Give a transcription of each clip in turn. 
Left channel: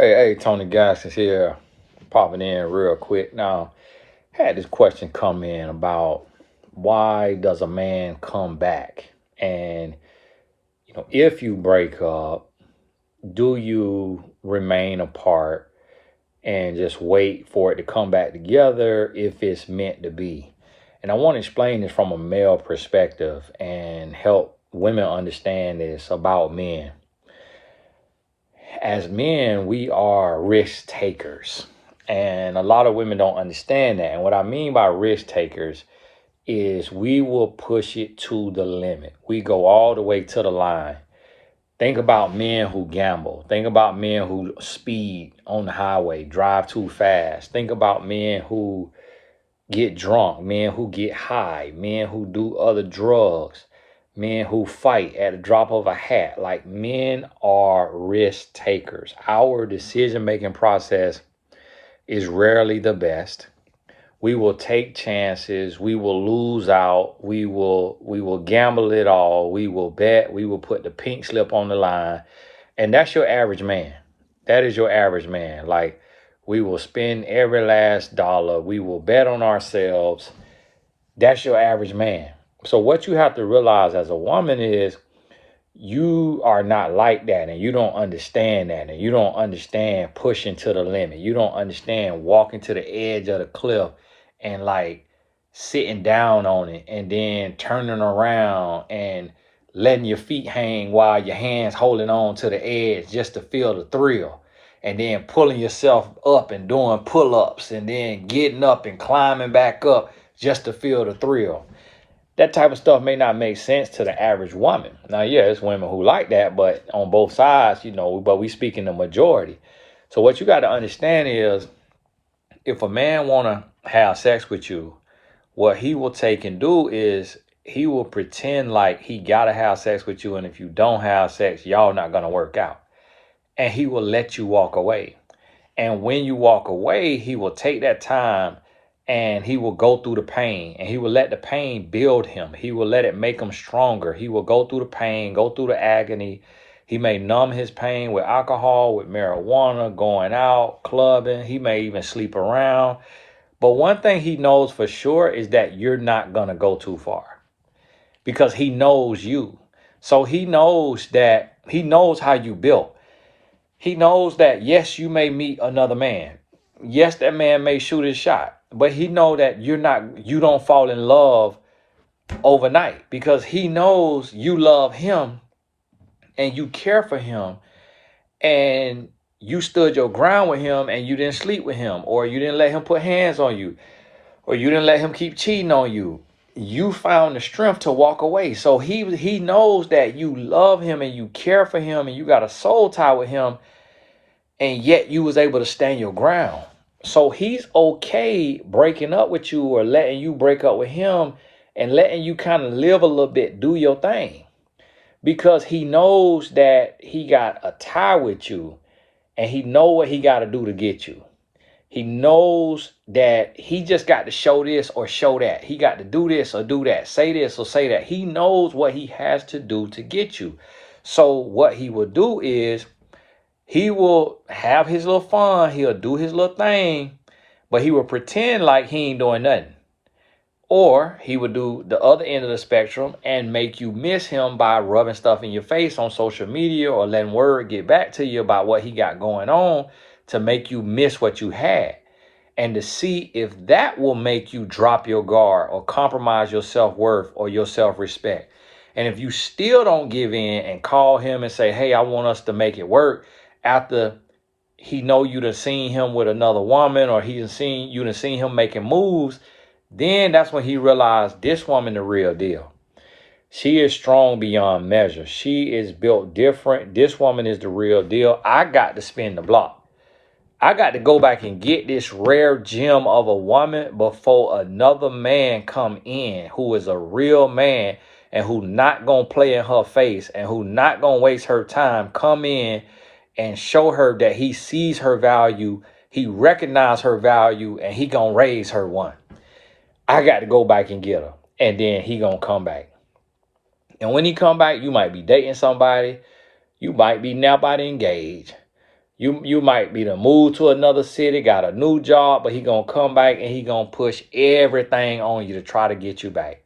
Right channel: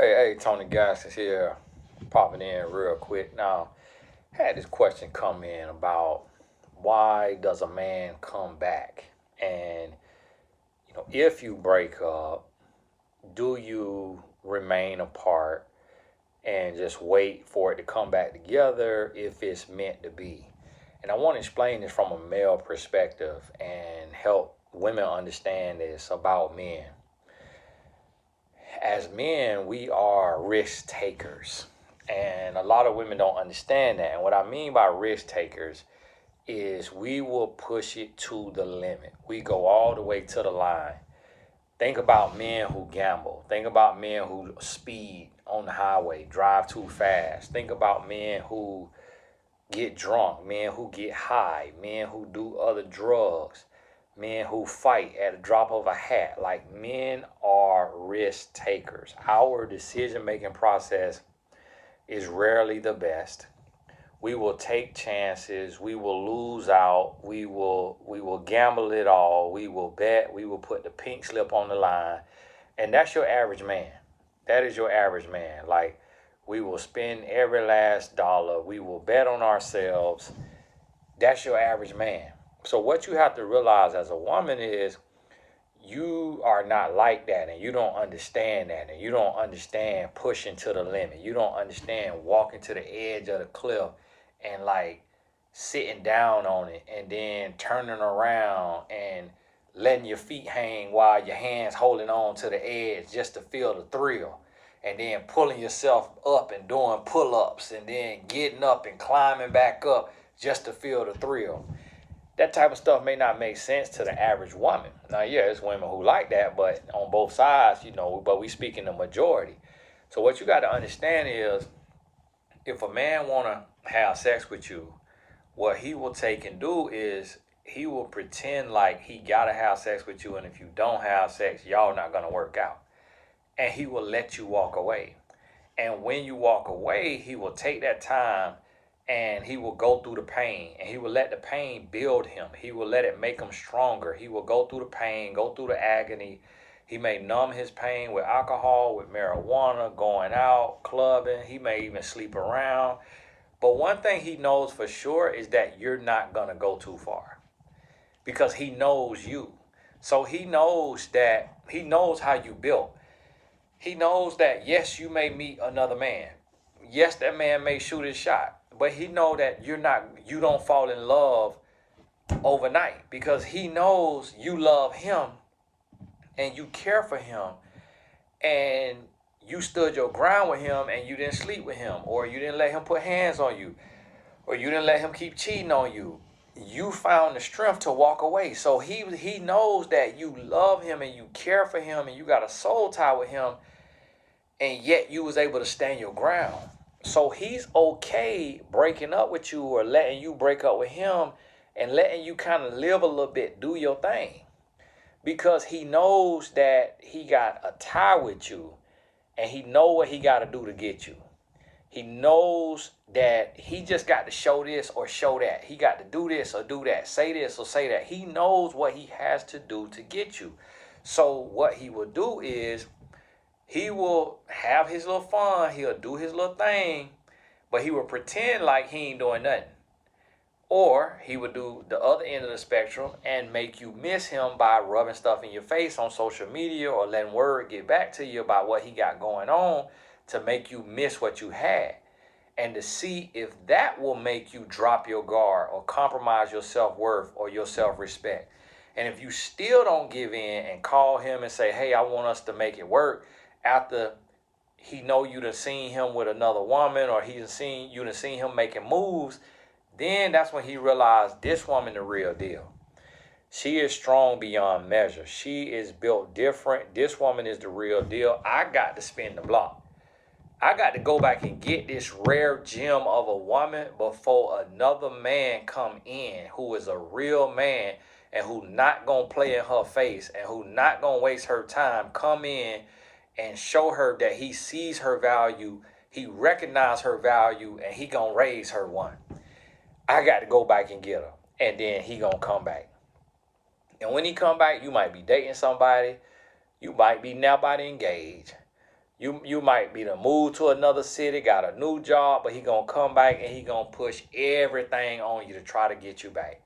Hey, Tony Gaskins here, popping in real quick. Now, had this question come in about why does a man come back? And, if you break up, do you remain apart and just wait for it to come back together if it's meant to be? And I want to explain this from a male perspective and help women understand this about men. As men, we are risk takers. And a lot of women don't understand that. And what I mean by risk takers is we will push it to the limit. We go all the way to the line. Think about men who gamble. Think about men who speed on the highway, drive too fast. Think about men who get drunk, men who get high, men who do other drugs, men who fight at a drop of a hat. Like, men are risk takers. Our decision making process is rarely the best. We will take chances, we will lose out, we will gamble it all, we will bet, we will put the pink slip on the line. And that's your average man. That is your average man. Like, we will spend every last dollar. We will bet on ourselves. That's your average man. So what you have to realize as a woman is you are not like that, and you don't understand that, and you don't understand pushing to the limit. You don't understand walking to the edge of the cliff and like sitting down on it and then turning around and letting your feet hang while your hands holding on to the edge just to feel the thrill, and then pulling yourself up and doing pull-ups and then getting up and climbing back up just to feel the thrill. That type of stuff may not make sense to the average woman. Now, yeah, it's women who like that, but on both sides, but we speak in the majority. So what you got to understand is, if a man want to have sex with you, what he will take and do is he will pretend like he got to have sex with you. And if you don't have sex, y'all not going to work out. And he will let you walk away. And when you walk away, he will take that time and he will go through the pain, and he will let the pain build him. He will let it make him stronger. He will go through the pain, go through the agony. He may numb his pain with alcohol, with marijuana, going out, clubbing. He may even sleep around. But one thing he knows for sure is that you're not going to go too far, because he knows you. So he knows how you built. He knows that, yes, you may meet another man. Yes, that man may shoot his shot, but he know that you don't fall in love overnight, because he knows you love him and you care for him, and you stood your ground with him, and you didn't sleep with him, or you didn't let him put hands on you, or you didn't let him keep cheating on you. You found the strength to walk away. So he knows that you love him and you care for him and you got a soul tie with him, and yet you was able to stand your ground. So he's okay breaking up with you, or letting you break up with him, and letting you kind of live a little bit, do your thing, because he knows that he got a tie with you, and he know what he got to do to get you. He knows that he just got to show this or show that. He got to do this or do that, say this or say that. He knows what he has to do to get you. So what he will do is he will have his little fun. He'll do his little thing, but he will pretend like he ain't doing nothing. Or he would do the other end of the spectrum and make you miss him by rubbing stuff in your face on social media, or letting word get back to you about what he got going on, to make you miss what you had, and to see if that will make you drop your guard or compromise your self-worth or your self-respect. And if you still don't give in and call him and say, hey, I want us to make it work, after he know you done seen him with another woman, or you done seen him making moves, then that's when he realized this woman the real deal. She is strong beyond measure. She is built different. This woman is the real deal. I got to spin the block. I got to go back and get this rare gem of a woman before another man come in who is a real man, and who not going to play in her face, and who not going to waste her time, come in and show her that he sees her value, he recognizes her value, and he going to raise her one. I got to go back and get her, and then he going to come back. And when he come back, you might be dating somebody. You might be now about to engage. You might be to move to another city, got a new job, but he gonna come back and he gonna push everything on you to try to get you back.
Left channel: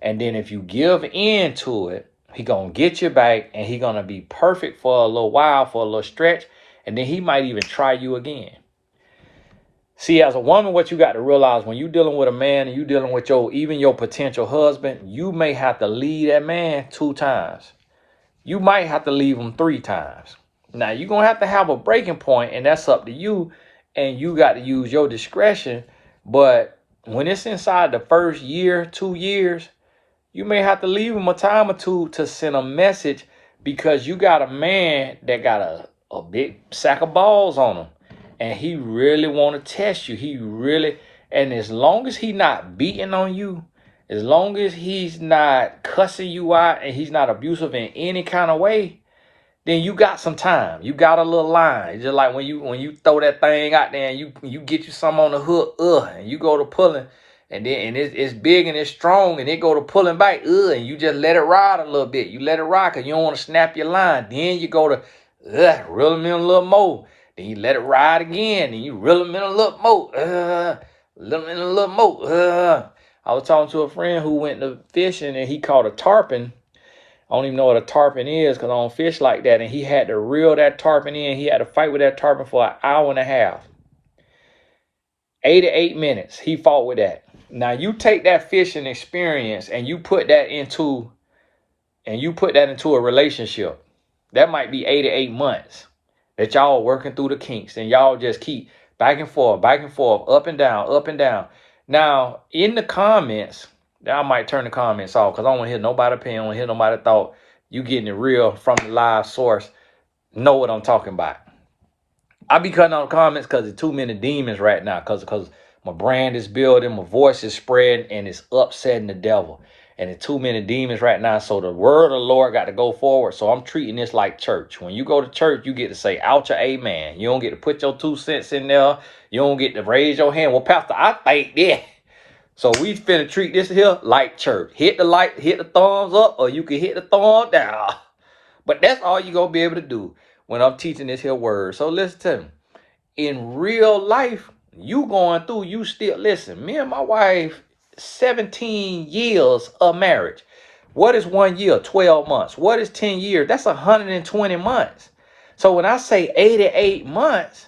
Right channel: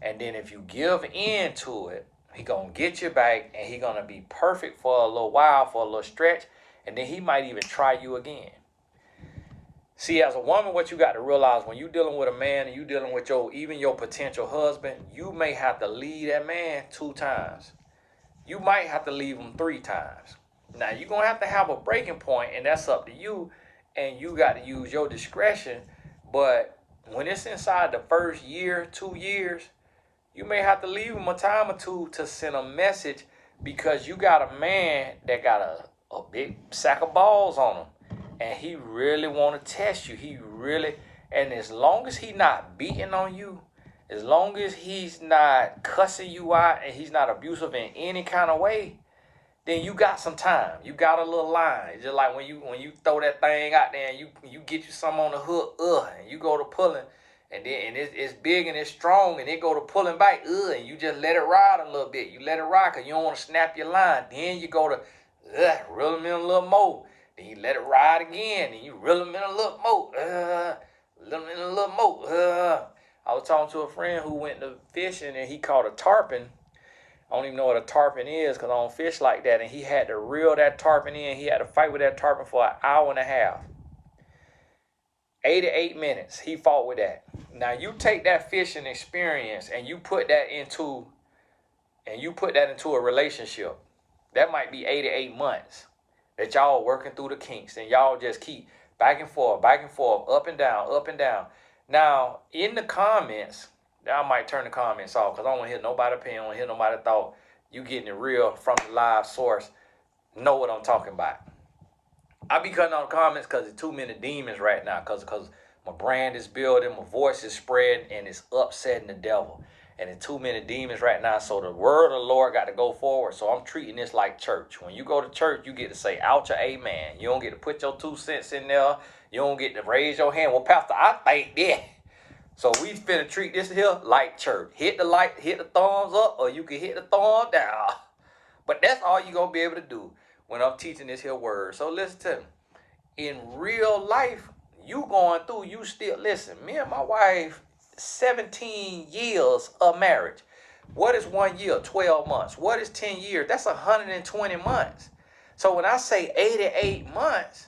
And then if you give in to it, he gonna get you back and he gonna be perfect for a little while, for a little stretch, and then he might even try you again. See, as a woman, what you got to realize when you dealing with a man and you dealing with even your potential husband, you may have to leave that man 2 times. You might have to leave him 3 times. Now, you're going to have a breaking point, and that's up to you, and you got to use your discretion. But when it's inside the first year, 2 years, you may have to leave him a time or 2 to send a message, because you got a man that got a big sack of balls on him. And he really want to test you. And as long as he not beating on you, as long as he's not cussing you out and he's not abusive in any kind of way, then you got some time. You got a little line. Just like when you throw that thing out there and you get you some on the hook, and you go to pulling, and it's big and it's strong, and it go to pulling back, and you just let it ride a little bit. You let it ride because you don't want to snap your line. Then you go to reel him in a little more. Then you let it ride again, and you reel him in a little more. Reel him in a little more. I was talking to a friend who went to fishing, and he caught a tarpon. I don't even know what a tarpon is because I don't fish like that. And he had to reel that tarpon in. He had to fight with that tarpon for an hour and a half. 88 minutes, he fought with that. Now, you take that fishing experience and you put that into a relationship. That might be 88 months. That y'all are working through the kinks, and y'all just keep back and forth, up and down, up and down. Now, in the comments, I might turn the comments off because I don't want to hear nobody's opinion, I don't want to hear nobody's thought. You getting it real from the live source. Know what I'm talking about. I be cutting on the comments because there's too many demons right now, because my brand is building, my voice is spreading, and it's upsetting the devil. And there's too many demons right now. So the word of the Lord got to go forward. So I'm treating this like church. When you go to church, you get to say, out your amen. You don't get to put your 2 cents in there. You don't get to raise your hand. Well, Pastor, I think that. So we finna treat this here like church. Hit the like, hit the thumbs up, or you can hit the thumb down. But that's all you're going to be able to do when I'm teaching this here word. So listen to me. In real life, you going through, you still, listen, me and my wife, 17 years of marriage. What is 1 year? 12 months. What is 10 years? That's 120 months. So when I say 88 months,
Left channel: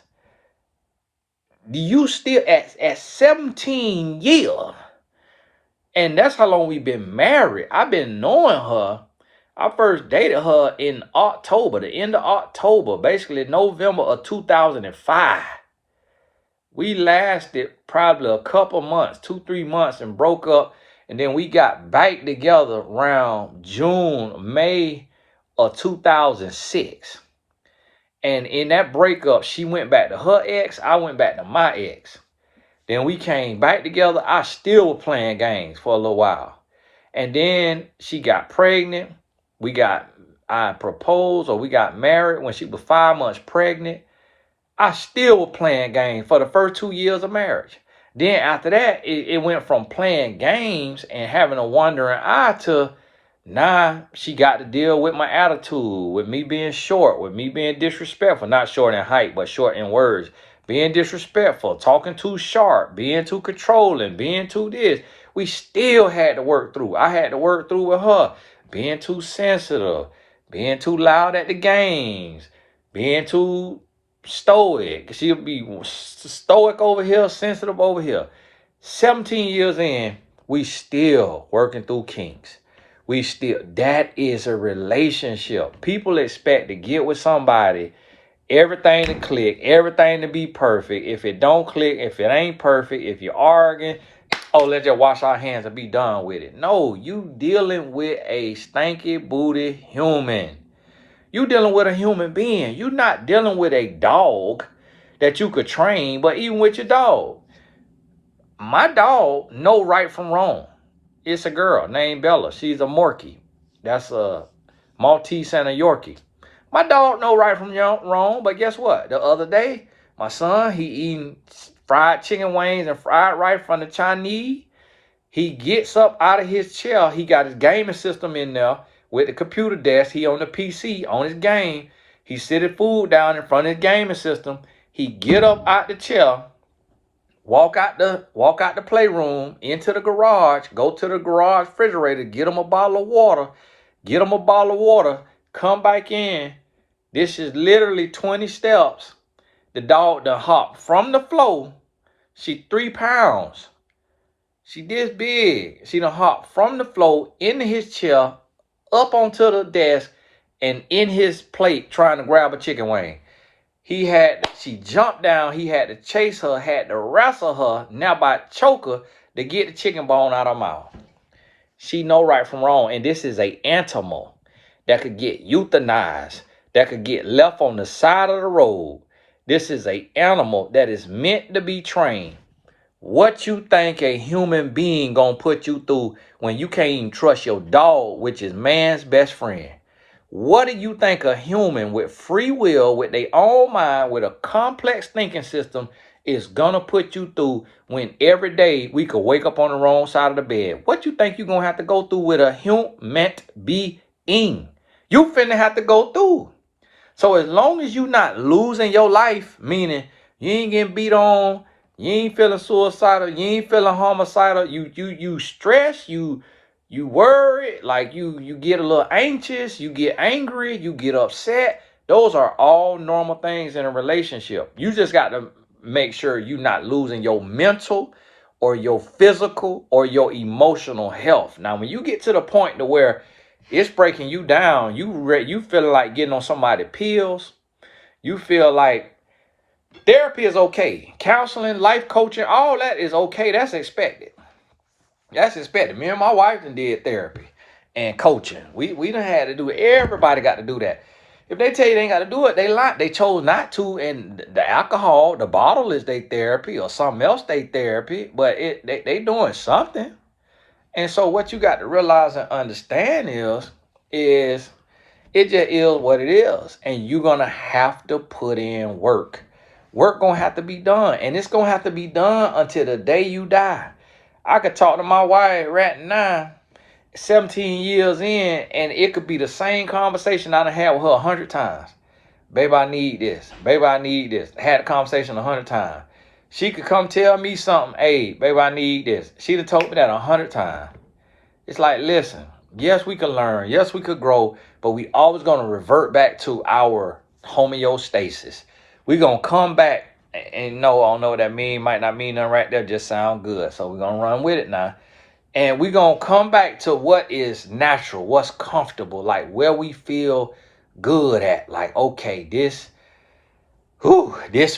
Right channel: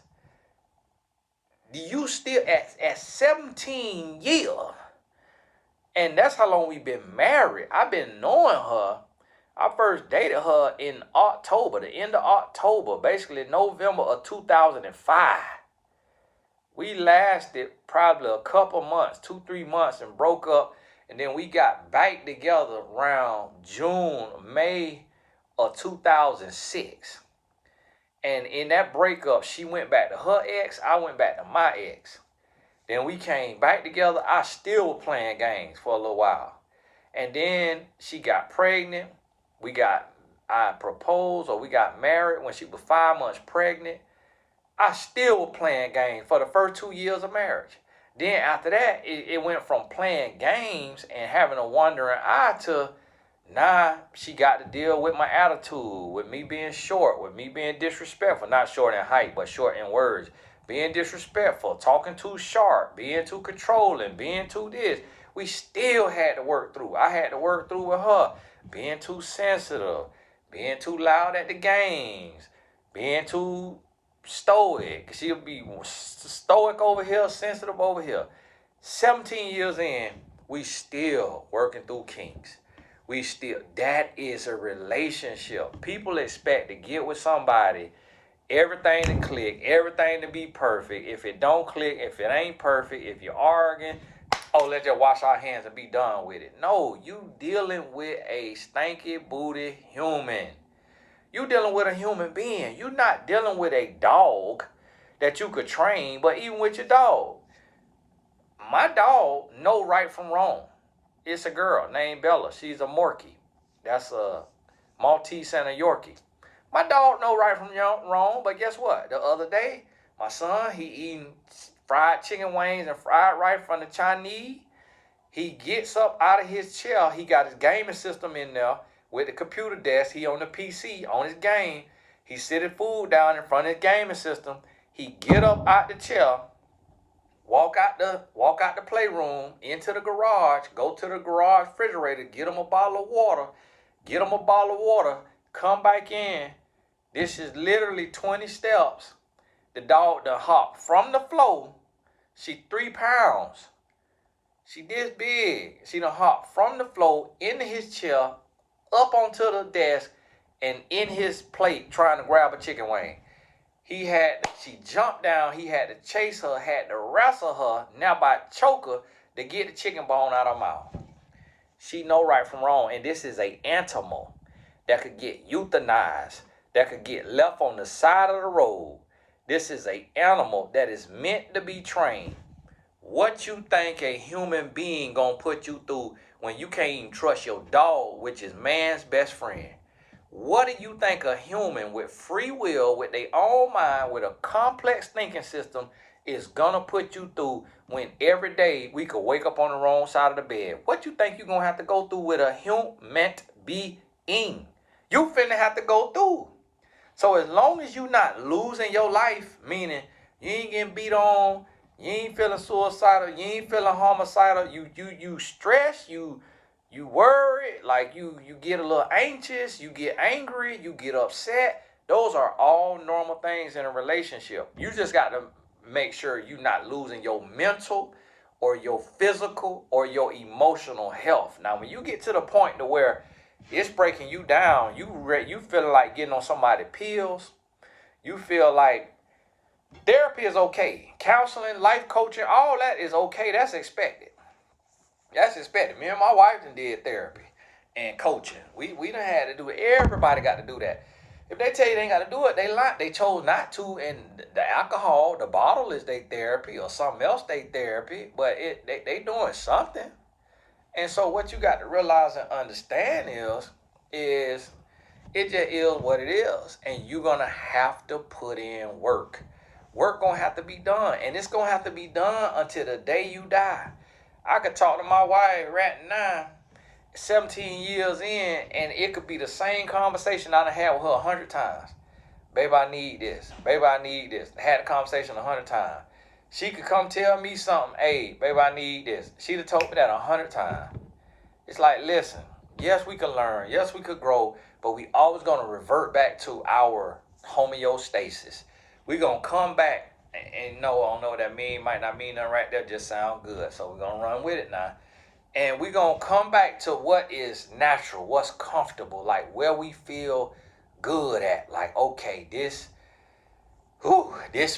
you still at 17 years. And that's how long we've been married. I've been knowing her. I first dated her in October, the end of October, basically November of 2005. We lasted probably a couple months, 2-3 months, and broke up. And then we got back together around June, May of 2006. And in that breakup, she went back to her ex. I went back to my ex. Then we came back together. I still was playing games for a little while. And then she got pregnant. I proposed, or we got married when she was 5 months pregnant. I still was playing games for the first 2 years of marriage. Then after that, it went from playing games and having a wandering eye to now she got to deal with my attitude, with me being short, with me being disrespectful. Not short in height, but short in words. Being disrespectful, talking too sharp, being too controlling, being too this. We still had to work through. I had to work through with her. Being too sensitive, being too loud at the games, being too stoic. She'll be stoic over here, sensitive over here. 17 years in, we still working through kinks. That is a relationship. People expect to get with somebody, everything to click, everything to be perfect. If it don't click, if it ain't perfect, if you're arguing, let's just wash our hands and be done with it. No, you dealing with a stinky booty human. You dealing with a human being. You're not dealing with a dog that you could train, but even with your dog. My dog know right from wrong. It's a girl named Bella. She's a Morkie. That's a Maltese and a Yorkie. My dog know right from wrong, but guess what? The other day, my son, he eating fried chicken wings and fried rice from the Chinese. He gets up out of his chair. He got his gaming system in there with the computer desk. He on the PC, on his game. He sit his food down in front of his gaming system. He get up out the chair, walk out the playroom, into the garage, go to the garage refrigerator, get him a bottle of water, come back in. This is literally 20 steps. The dog done hop from the floor. She 3 pounds. She this big. She done hop from the floor into his chair, up onto the desk, and in his plate trying to grab a chicken wing. She jumped down, he had to chase her, had to wrestle her, now by choke her to get the chicken bone out of her mouth. She know right from wrong, and this is a animal that could get euthanized, that could get left on the side of the road. This is a animal that is meant to be trained. What you think a human being gonna put you through when you can't even trust your dog, which is man's best friend? What do you think a human with free will, with their own mind, with a complex thinking system is gonna put you through when every day we could wake up on the wrong side of the bed? What you think you gonna have to go through with a human being? You finna have to go through. So as long as you not losing your life, meaning you ain't getting beat on, you ain't feeling suicidal, you ain't feeling homicidal, you stress, you worry, like you get a little anxious, you get angry, you get upset. Those are all normal things in a relationship. You just got to make sure you're not losing your mental or your physical or your emotional health. Now, when you get to the point to where it's breaking you down, you feeling like getting on somebody's pills, you feel like therapy is okay. Counseling, life coaching, all that is okay. That's expected. That's expected. Me and my wife done did therapy and coaching. We done had to do it. Everybody got to do that. If they tell you they ain't got to do it, they lie. They chose not to. And the alcohol, the bottle is their therapy, or something else they therapy. But they doing something. And so what you got to realize and understand is it just is what it is. And you're going to have to put in work. Work going to have to be done. And it's going to have to be done until the day you die. I could talk to my wife right now, 17 years in, and it could be the same conversation I done had with her 100 times. Baby, I need this. Baby, I need this. I had a conversation 100 times. She could come tell me something. Hey, baby, I need this. She done told me that 100 times. It's like, listen, yes, we can learn. Yes, we could grow. But we always going to revert back to our homeostasis. We're going to come back. And no, I don't know what that mean. Might not mean nothing right there. Just sound good. So we're going to run with it now. And we're going to come back to what is natural, what's comfortable, like where we feel good at. Like, okay, this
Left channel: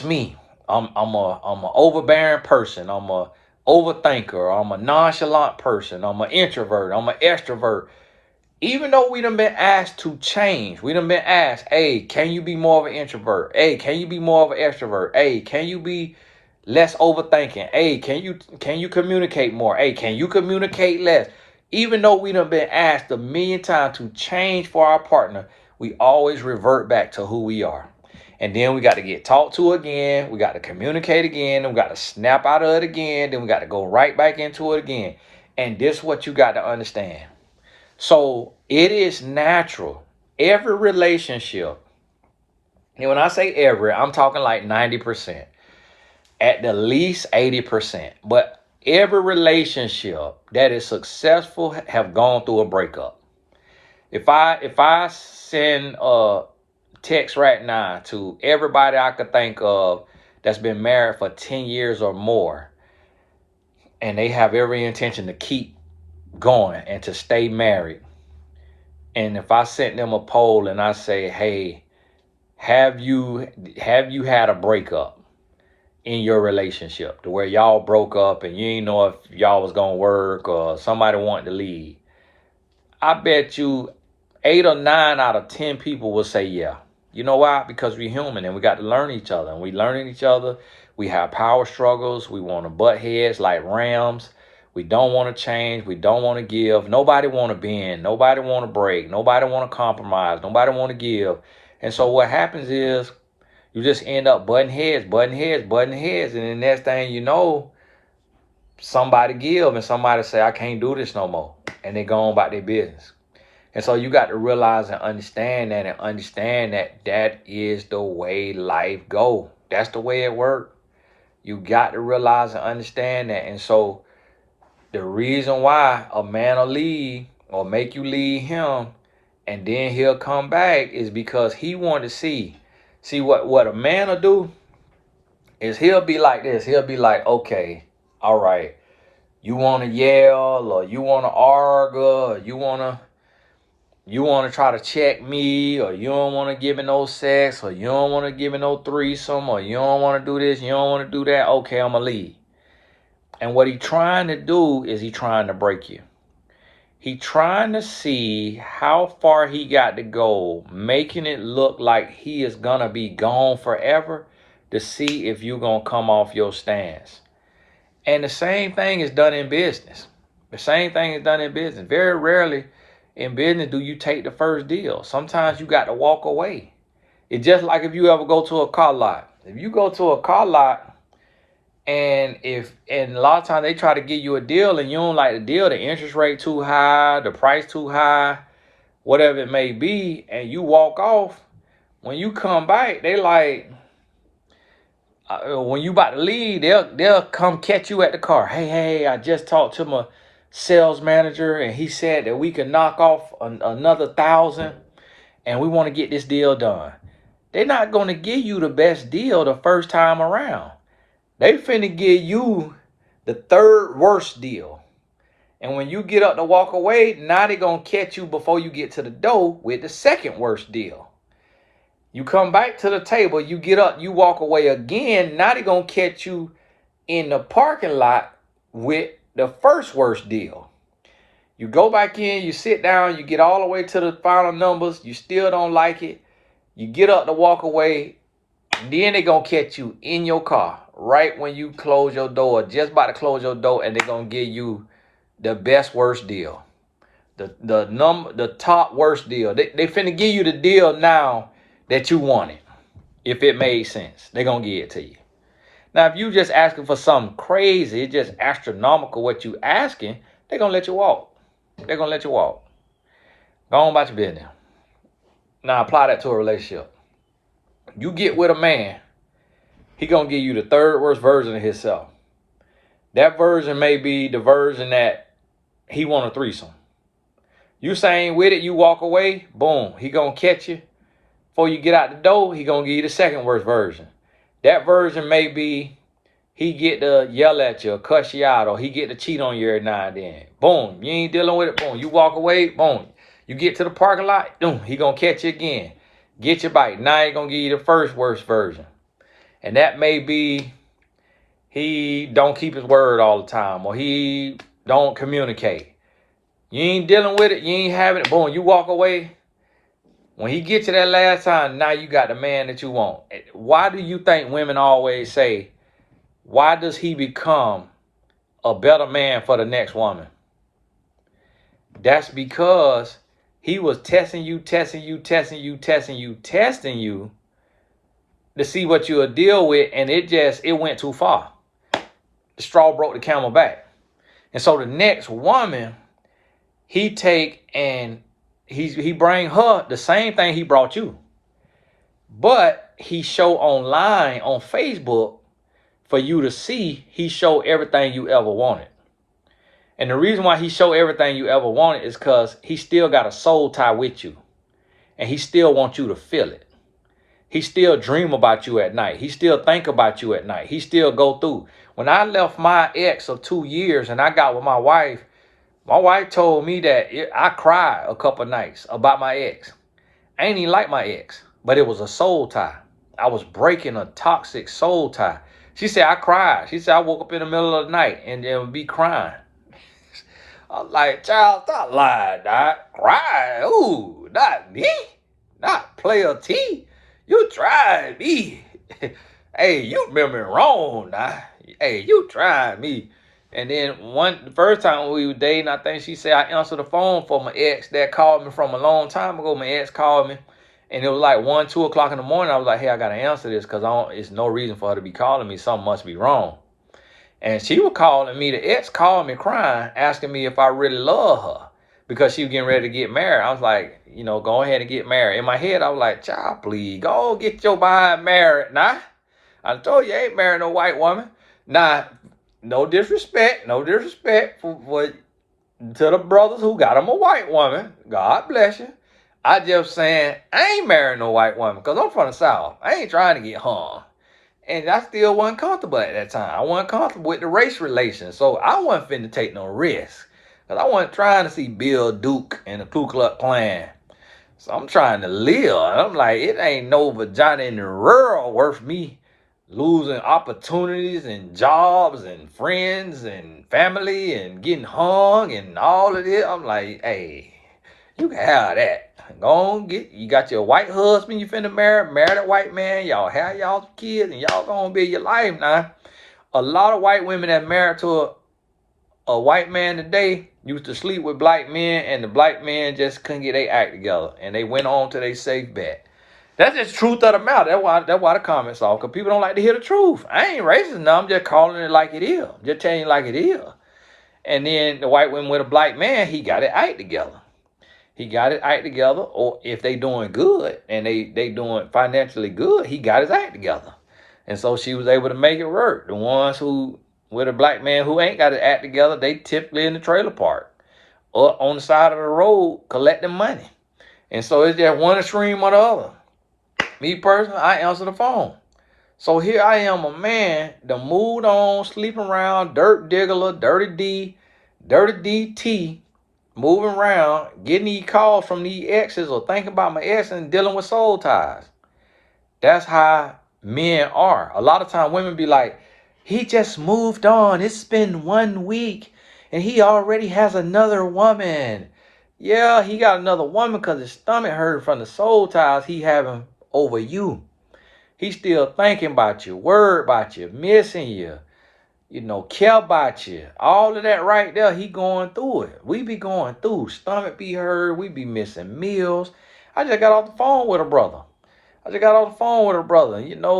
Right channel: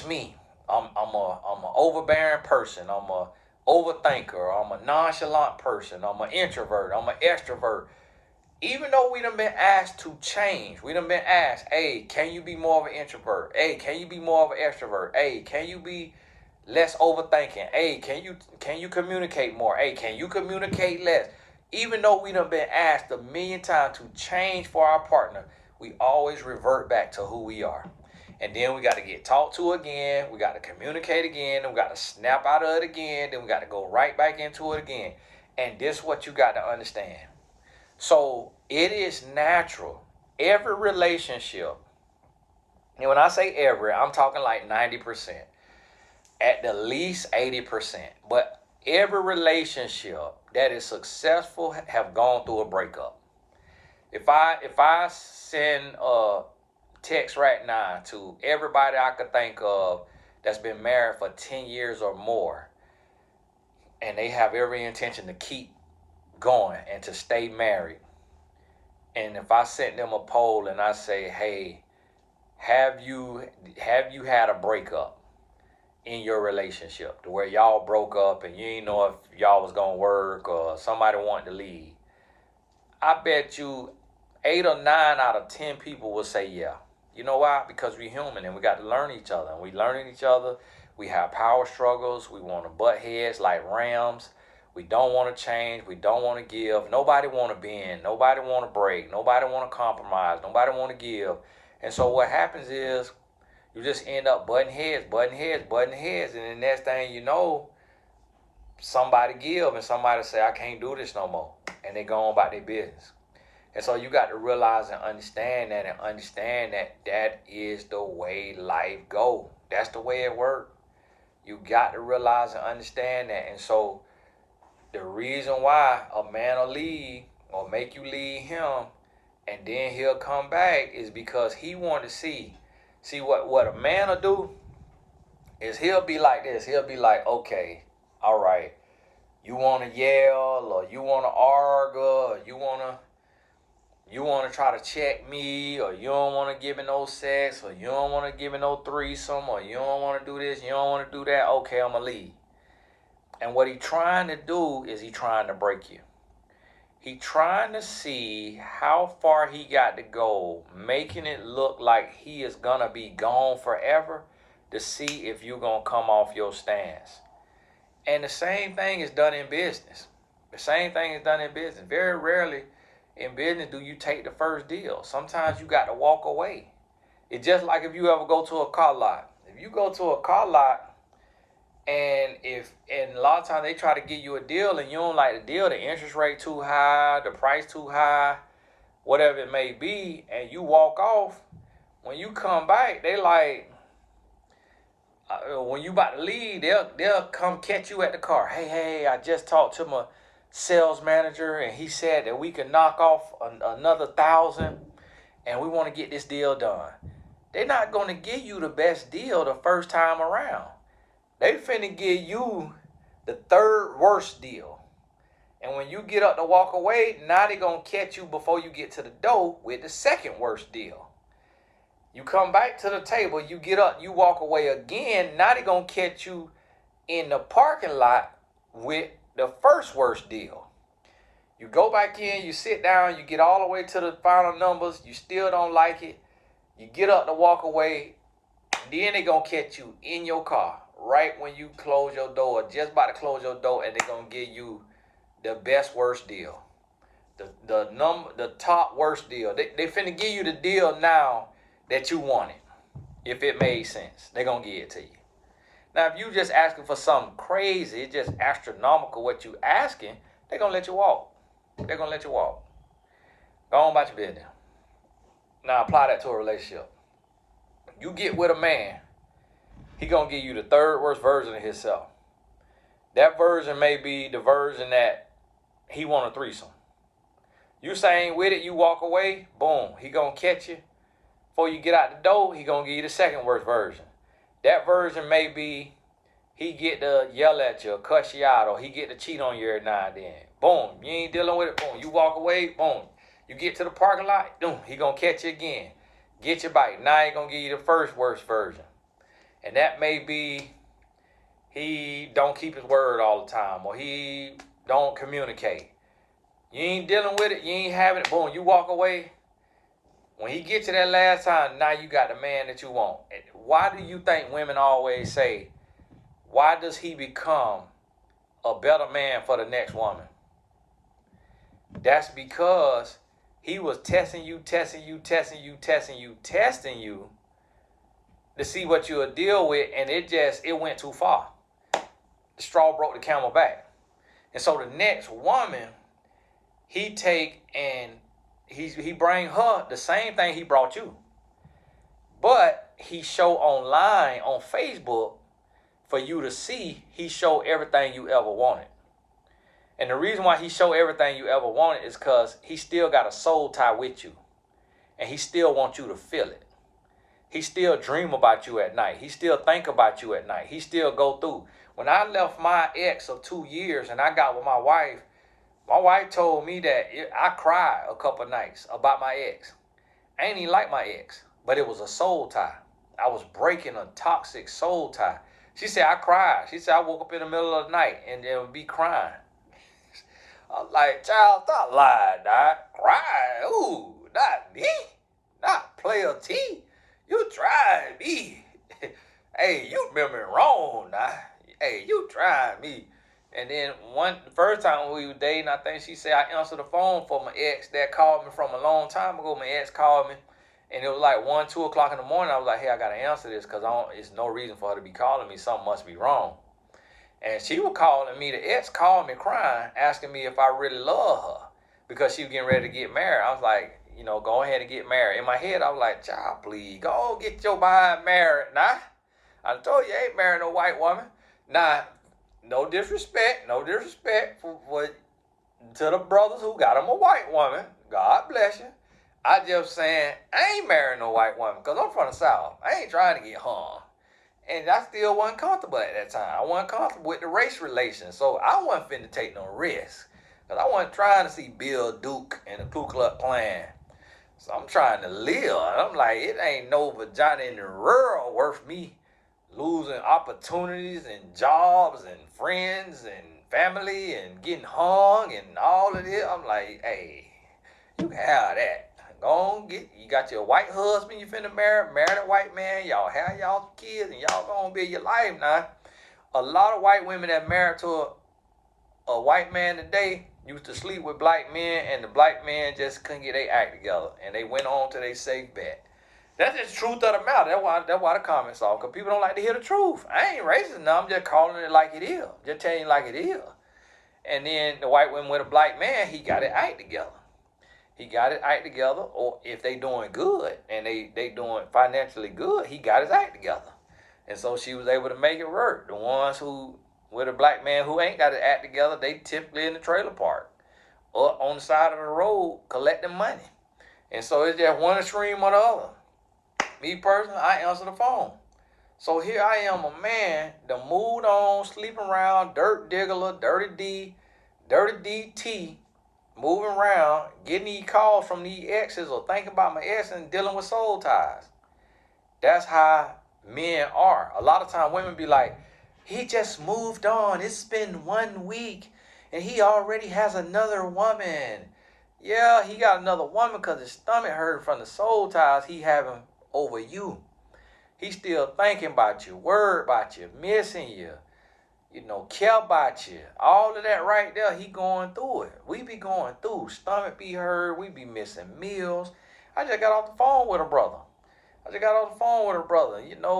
me. I'm a overbearing person. I'm a overthinker. I'm a nonchalant person. I'm an introvert. I'm an extrovert. Even though we done been asked to change, we done been asked, hey, can you be more of an introvert? Hey, can you be more of an extrovert? Hey, can you be less overthinking? Hey, can you communicate more? Hey, can you communicate less? Even though we done been asked a million times to change for our partner, we always revert back to who we are. And then we got to get talked to again. We got to communicate again. And we got to snap out of it again. Then we got to go right back into it again. And this is what you got to understand. So it is natural. Every relationship, and when I say every, I'm talking like 90%, at the least 80%. But every relationship that is successful have gone through a breakup. If I send a text right now to everybody I could think of that's been married for 10 years or more, and they have every intention to keep going and to stay married, and if I sent them a poll and I say, hey, have you had a breakup in your relationship to where y'all broke up and you ain't know if y'all was gonna work or somebody wanted to leave, I bet you 8 or 9 out of 10 people will say yeah. You know why? Because we're human and we got to learn each other, and we learning each other. We have power struggles. We want to butt heads like rams. We don't want to change. We don't want to give. Nobody want to bend. Nobody want to break. Nobody want to compromise. Nobody want to give. And so what happens is you just end up butting heads. And the next thing you know, somebody give and somebody say, I can't do this no more. And they go on about their business. And so you got to realize and understand that that is the way life go. That's the way it works. You got to realize and understand that. And so the reason why a man will leave or make you leave him and then he'll come back is because he want to see. See what a man will do is he'll be like this. He'll be like, okay, all right, you want to yell or you want to argue or you want to try to check me, or you don't want to give me no sex, or you don't want to give me no threesome, or you don't want to do this, you don't want to do that. Okay, I'm going to leave. And what he trying to do is he trying to break you. He trying to see how far he got to go, making it look like he is going to be gone forever to see if you're going to come off your stance. And the same thing is done in business. The same thing is done in business. Very rarely in business do you take the first deal. Sometimes you got to walk away. It's just like if you ever go to a car lot. If you go to a car lot and a lot of times they try to give you a deal and you don't like the deal, the interest rate too high, the price too high, whatever it may be, and you walk off, when you come back, they like, when you about to leave, they'll come catch you at the car. Hey, I just talked to my sales manager and he said that we can knock off another 1,000 and we want to get this deal done. They're not going to give you the best deal the first time around. They finna give you the third worst deal. And when you get up to walk away, now they're going to catch you before you get to the door with the second worst deal. You come back to the table, you get up, you walk away again. Now they're going to catch you in the parking lot with the first worst deal. You go back in, you sit down, you get all the way to the final numbers. You still don't like it. You get up to walk away. And then they're going to catch you in your car right when you close your door, just about to close your door, and they're going to give you the best worst deal. The top worst deal. They finna give you the deal now that you wanted. If it made sense, they're going to give it to you. Now, if you just asking for something crazy, it's just astronomical what you asking, they're going to let you walk. They're going to let you walk. Go on about your business. Now, apply that to a relationship. You get with a man, he going to give you the third worst version of himself. That version may be the version that he want a threesome. You saying with it, you walk away, boom, he going to catch you. Before you get out the door, he going to give you the second worst version. That version may be he get to yell at you or cuss you out, or he get to cheat on you every now and then. Boom, you ain't dealing with it, boom, you walk away, boom. You get to the parking lot, boom, he going to catch you again. Get your bite. Now he going to give you the first worst version. And that may be he don't keep his word all the time, or he don't communicate. You ain't dealing with it, you ain't having it, boom, you walk away. When he gets you that last time, now you got the man that you want. Why do you think women always say, why does he become a better man for the next woman? That's because he was testing you to see what you'll deal with, and it went too far. The straw broke the camel back. And so the next woman, he take and he bring her the same thing he brought you. But he show online on Facebook for you to see, he show everything you ever wanted. And the reason why he show everything you ever wanted is because he still got a soul tie with you. And he still wants you to feel it. He still dream about you at night. He still think about you at night. He still go through. When I left my ex of 2 years and I got with my wife told me that I cried a couple nights about my ex. I ain't even like my ex, but it was a soul tie. I was breaking a toxic soul tie. She said I cried. She said I woke up in the middle of the night and would be crying. I was like, child, stop lying, Doc. Cry? Ooh, not me. Not player T. You tried me. Hey, you remember wrong, Doc. Hey, you tried me. And then the first time we were dating, I think she said I answered the phone for my ex that called me from a long time ago. My ex called me, and it was like 1, 2 o'clock in the morning. I was like, hey, I got to answer this because it's no reason for her to be calling me. Something must be wrong. And she was calling me. The ex called me crying, asking me if I really love her. because she was getting ready to get married. I was like, go ahead and get married. In my head, I was like, child, please, go get your behind married. Nah, I told you, I ain't marrying no white woman. Nah, no disrespect for to the brothers who got them a white woman. God bless you. I just saying, I ain't marrying no white woman because I'm from the South. I ain't trying to get hung. And I still wasn't comfortable at that time. I wasn't comfortable with the race relations. So I wasn't finna take no risk. Because I wasn't trying to see Bill Duke and the Ku Klux Klan. So I'm trying to live. And I'm like, it ain't no vagina in the world worth me losing opportunities and jobs and friends and family and getting hung and all of this. I'm like, hey, you can have that. Go on, you got your white husband you finna marry a white man, y'all have y'all kids, and y'all gonna be your life now. A lot of white women that married to a white man today used to sleep with black men, and the black men just couldn't get their act together, and they went on to their safe bet. That's just truth of the matter. That's why the comments off, because people don't like to hear the truth. I ain't racist now, I'm just calling it like it is. I'm just telling you like it is. And then the white woman with a black man, he got it act together. He got his act together, or if they doing good and they doing financially good, he got his act together. And so she was able to make it work. The ones who, with a black man who ain't got his act together, they typically in the trailer park or on the side of the road collecting money. And so it's just one extreme or the other. Me personally, I answer the phone. So here I am, a man, the moved on, sleeping around, dirt diggler, dirty DT, moving around, getting these calls from these exes or thinking about my ex and dealing with soul ties. That's how men are. A lot of times women be like, he just moved on. It's been 1 week and he already has another woman. Yeah, he got another woman because his stomach hurt from the soul ties he having over you. He's still thinking about you, worried about you, missing you, care about you. All of that right there, he going through it. We be going through. Stomach be hurt. We be missing meals. I just got off the phone with a brother.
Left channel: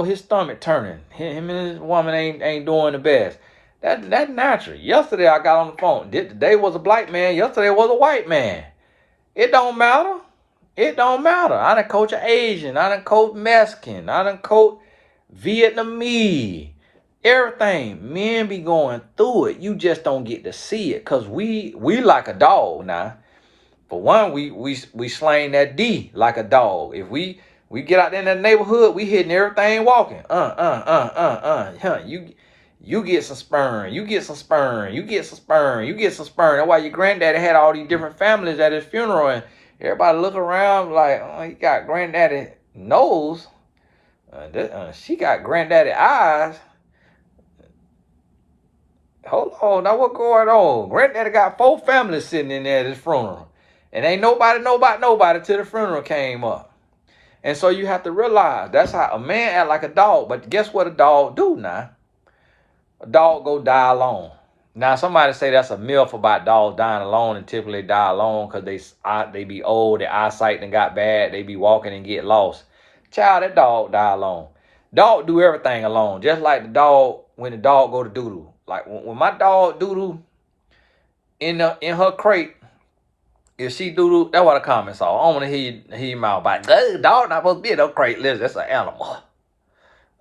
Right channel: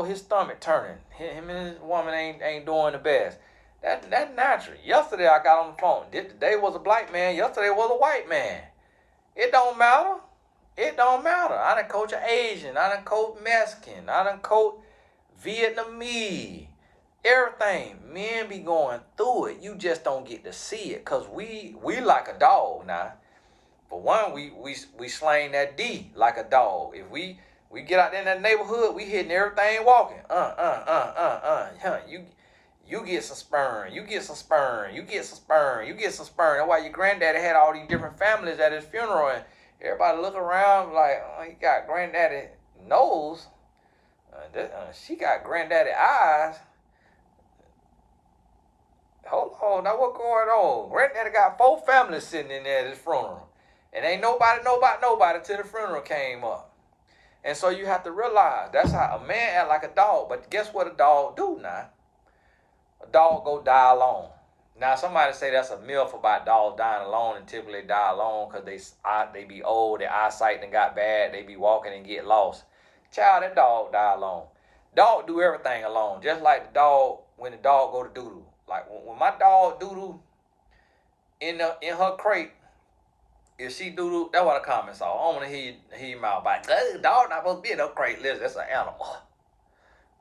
His stomach turning. Him and his woman ain't doing the best. That's natural. Yesterday I got on the phone. Today was a black man. Yesterday was a white man. It don't matter. I done coach an Asian. I done coach Mexican. I done coach Vietnamese. Everything. Men be going through it. You just don't get to see it. Cause we like a dog now. For one, we slang that D like a dog. If we get out there in that neighborhood, we hitting everything walking. You get some sperm. You get some sperm. That's why your granddaddy had all these different families at his funeral, and everybody look around like, oh, he got granddaddy nose. She got granddaddy eyes. Hold on, now what going on? Granddaddy got 4 families sitting in there at his funeral. And ain't nobody till the funeral came up. And so you have to realize that's how a man act like a dog. But guess what a dog do now? A dog go die alone. Now somebody say that's a myth about dogs dying alone, and typically die alone because they be old, their eyesight done got bad, they be walking and get lost. Child, that dog die alone. Dog do everything alone, just like the dog when the dog go to doo-doo. Like when my dog doo-doo in her crate, if she doo-doo, that's what the comments are. I don't want to hear your mouth about, the dog not supposed to be in no crate. Listen, that's an animal.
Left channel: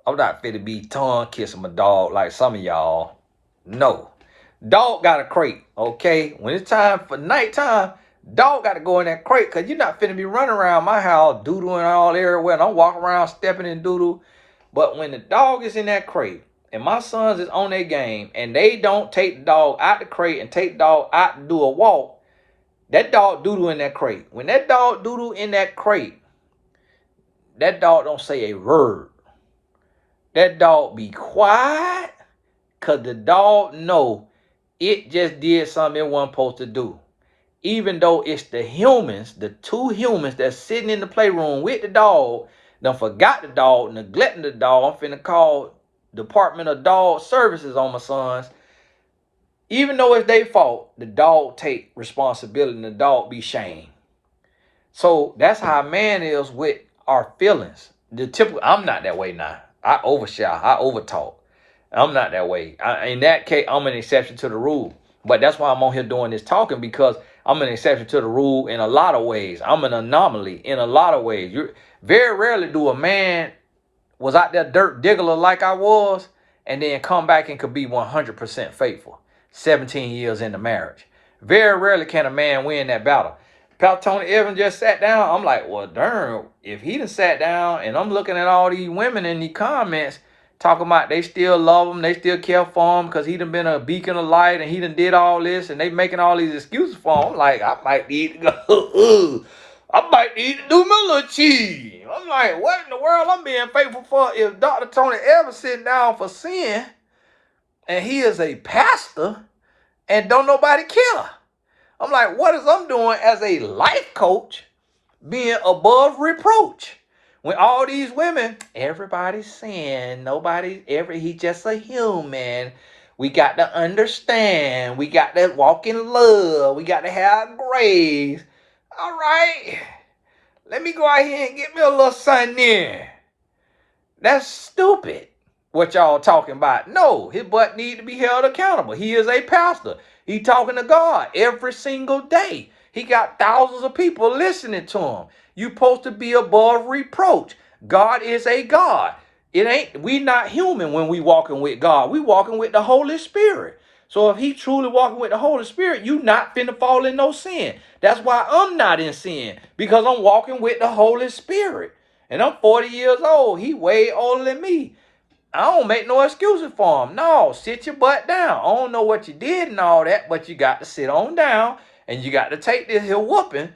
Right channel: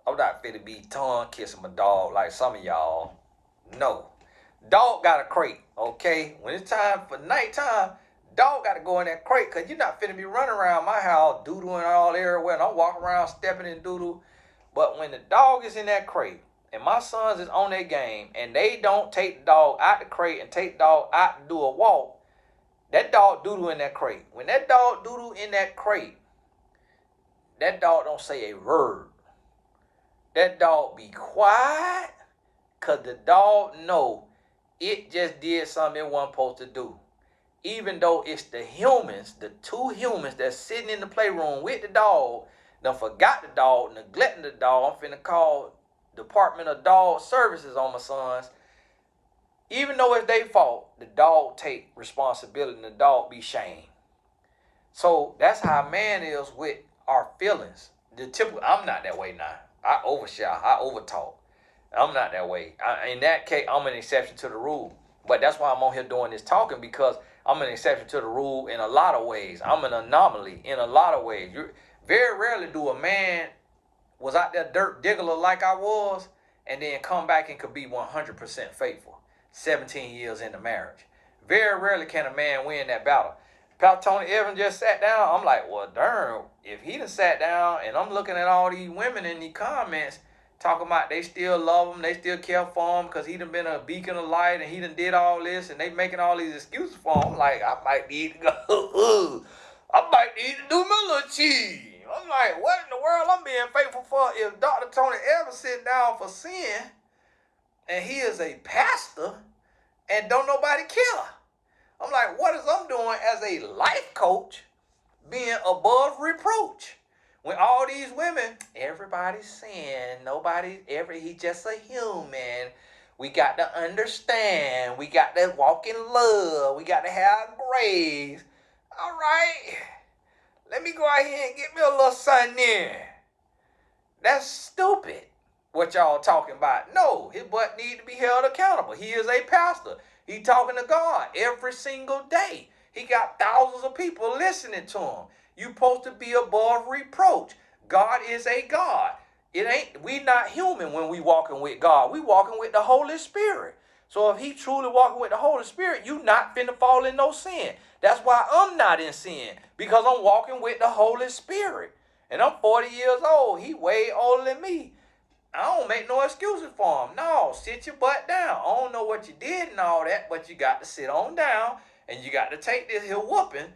I'm not fit to be tongue kissing my dog like some of y'all. No. Dog got a crate, okay? When it's time for nighttime, dog got to go in that crate because you're not finna be running around my house doo-dooing all everywhere. And I'm walking around stepping in doo-doo. But when the dog is in that crate and my sons is on their game and they don't take the dog out the crate and take the dog out to do a walk, that dog doo-doo in that crate. When that dog doo-doo in that crate, that dog don't say a word. That dog be quiet because the dog know it just did something it wasn't supposed to do. Even though it's the humans, the 2 humans that's sitting in the playroom with the dog, done forgot the dog, neglecting the dog. I'm finna call Department of Dog Services on my sons. Even though it's their fault, the dog take responsibility and the dog be shamed. So that's how a man is with our feelings. I'm not that way now. I overshout. I overtalk. I'm not that way. In that case, I'm an exception to the rule. But that's why I'm on here doing this talking, because I'm an exception to the rule in a lot of ways. I'm an anomaly in a lot of ways. Very rarely do a man was out there dirt diggler like I was, and then come back and could be 100% faithful. 17 years into marriage. Very rarely can a man win that battle. Pastor Tony Evans just sat down. I'm like, well, darn, if he done sat down and I'm looking at all these women in the comments talking about they still love him, they still care for him because he done been a beacon of light and he done did all this and they making all these excuses for him. I'm like, I might need to go, I might need to do my little cheese. I'm like, what in the world I'm being faithful for if Dr. Tony Evans sitting down for sin and he is a pastor and don't nobody care? I'm like, what is I'm doing as a life coach being above reproach? When all these women, everybody's saying, he just a human. We got to understand. We got to walk in love. We got to have grace. All right. Let me go out here and get me a little something in. That's stupid what y'all talking about. No, his butt need to be held accountable. He is a pastor. He talking to God every single day. He got thousands of people listening to him. You supposed to be above reproach. God is a God. We not human when we walking with God. We walking with the Holy Spirit. So if he truly walking with the Holy Spirit, you not finna fall in no sin. That's why I'm not in sin, because I'm walking with the Holy Spirit. And I'm 40 years old. He way older than me. I don't make no excuses for him. No, sit your butt down. I don't know what you did and all that, but you got to sit on down and you got to take this here whooping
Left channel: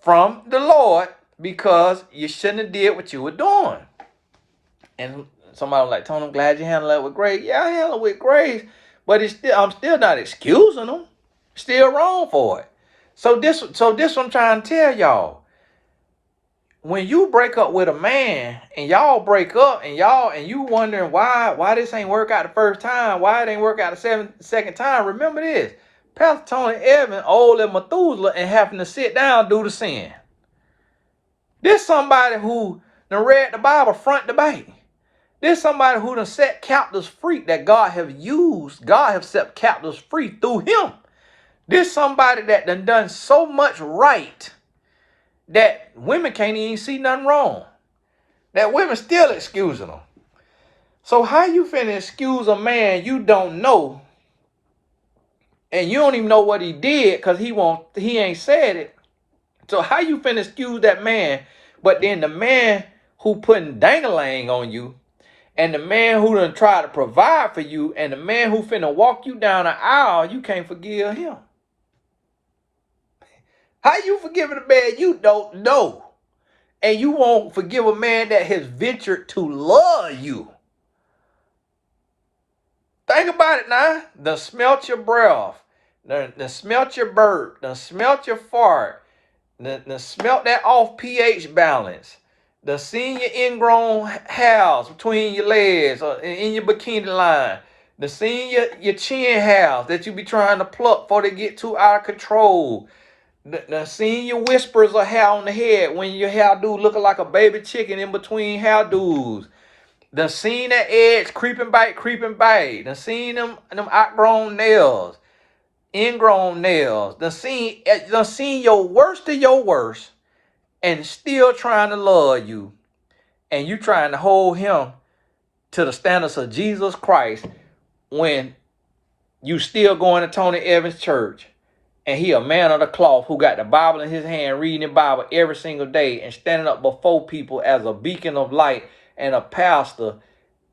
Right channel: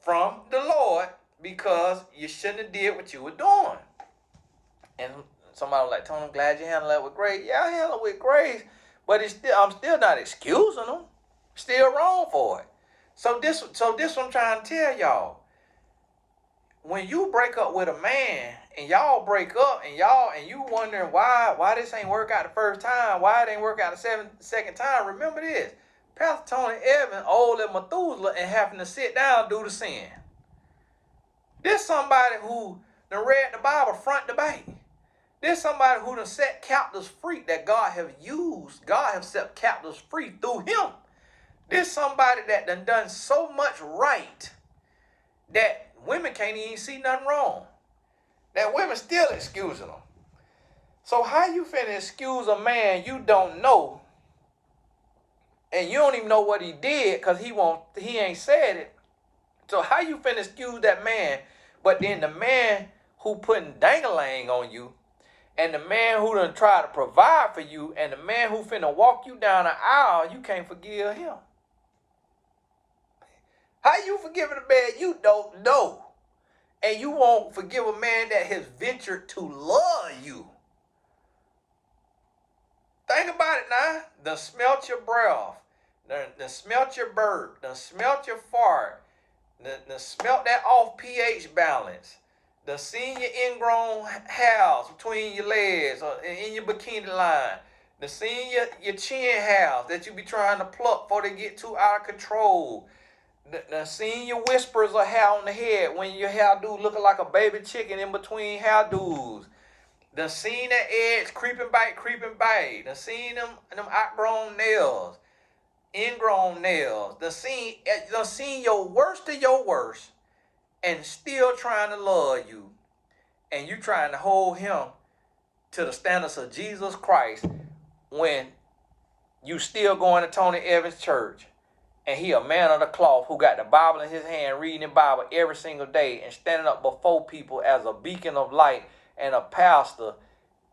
from the Lord because you shouldn't have did what you were doing. And somebody was like, Tony, I'm glad you handled that with grace. Yeah, I handled it with grace, but I'm still not excusing them. Still wrong for it. So this what I'm trying to tell y'all. When you break up with a man and y'all break up and you wondering why this ain't work out the first time, why it ain't work out the second time, remember this. Pastor Tony Evans, old as Methuselah, and having to sit down do the sin. This somebody who done read the Bible front to back. This somebody who done set captives free that God have used. God have set captives free through him. This somebody that done so much right that women can't even see nothing wrong. That women still excusing them. So how you finna excuse a man you don't know and you don't even know what he did because he ain't said it. So how you finna excuse that man, but then the man who putting dang-a-lang on you and the man who done try to provide for you and the man who finna walk you down the aisle, you can't forgive him? How you forgiving a man you don't know? And you won't forgive a man that has ventured to love you? Think about it now. Done smelt your breath. Done smelt your burp. Done smelt your fart. Done smelt that off pH balance. Done seen your ingrown hairs between your legs or in your bikini line. Done seen your chin hairs that you be trying to pluck before they get too out of control. Done seen your whispers of hair on the head when your hairdo looking like a baby chicken in between hairdos. Done seen that edge creeping back. Done seen them outgrown nails, ingrown nails. Done seen your worst of your worst and still trying to love you. And you trying to hold him to the standards of Jesus Christ when you still going to Tony Evans Church. And he a man of the cloth who got the Bible in his hand, reading the Bible every single day and standing up before people as a beacon of light and a pastor,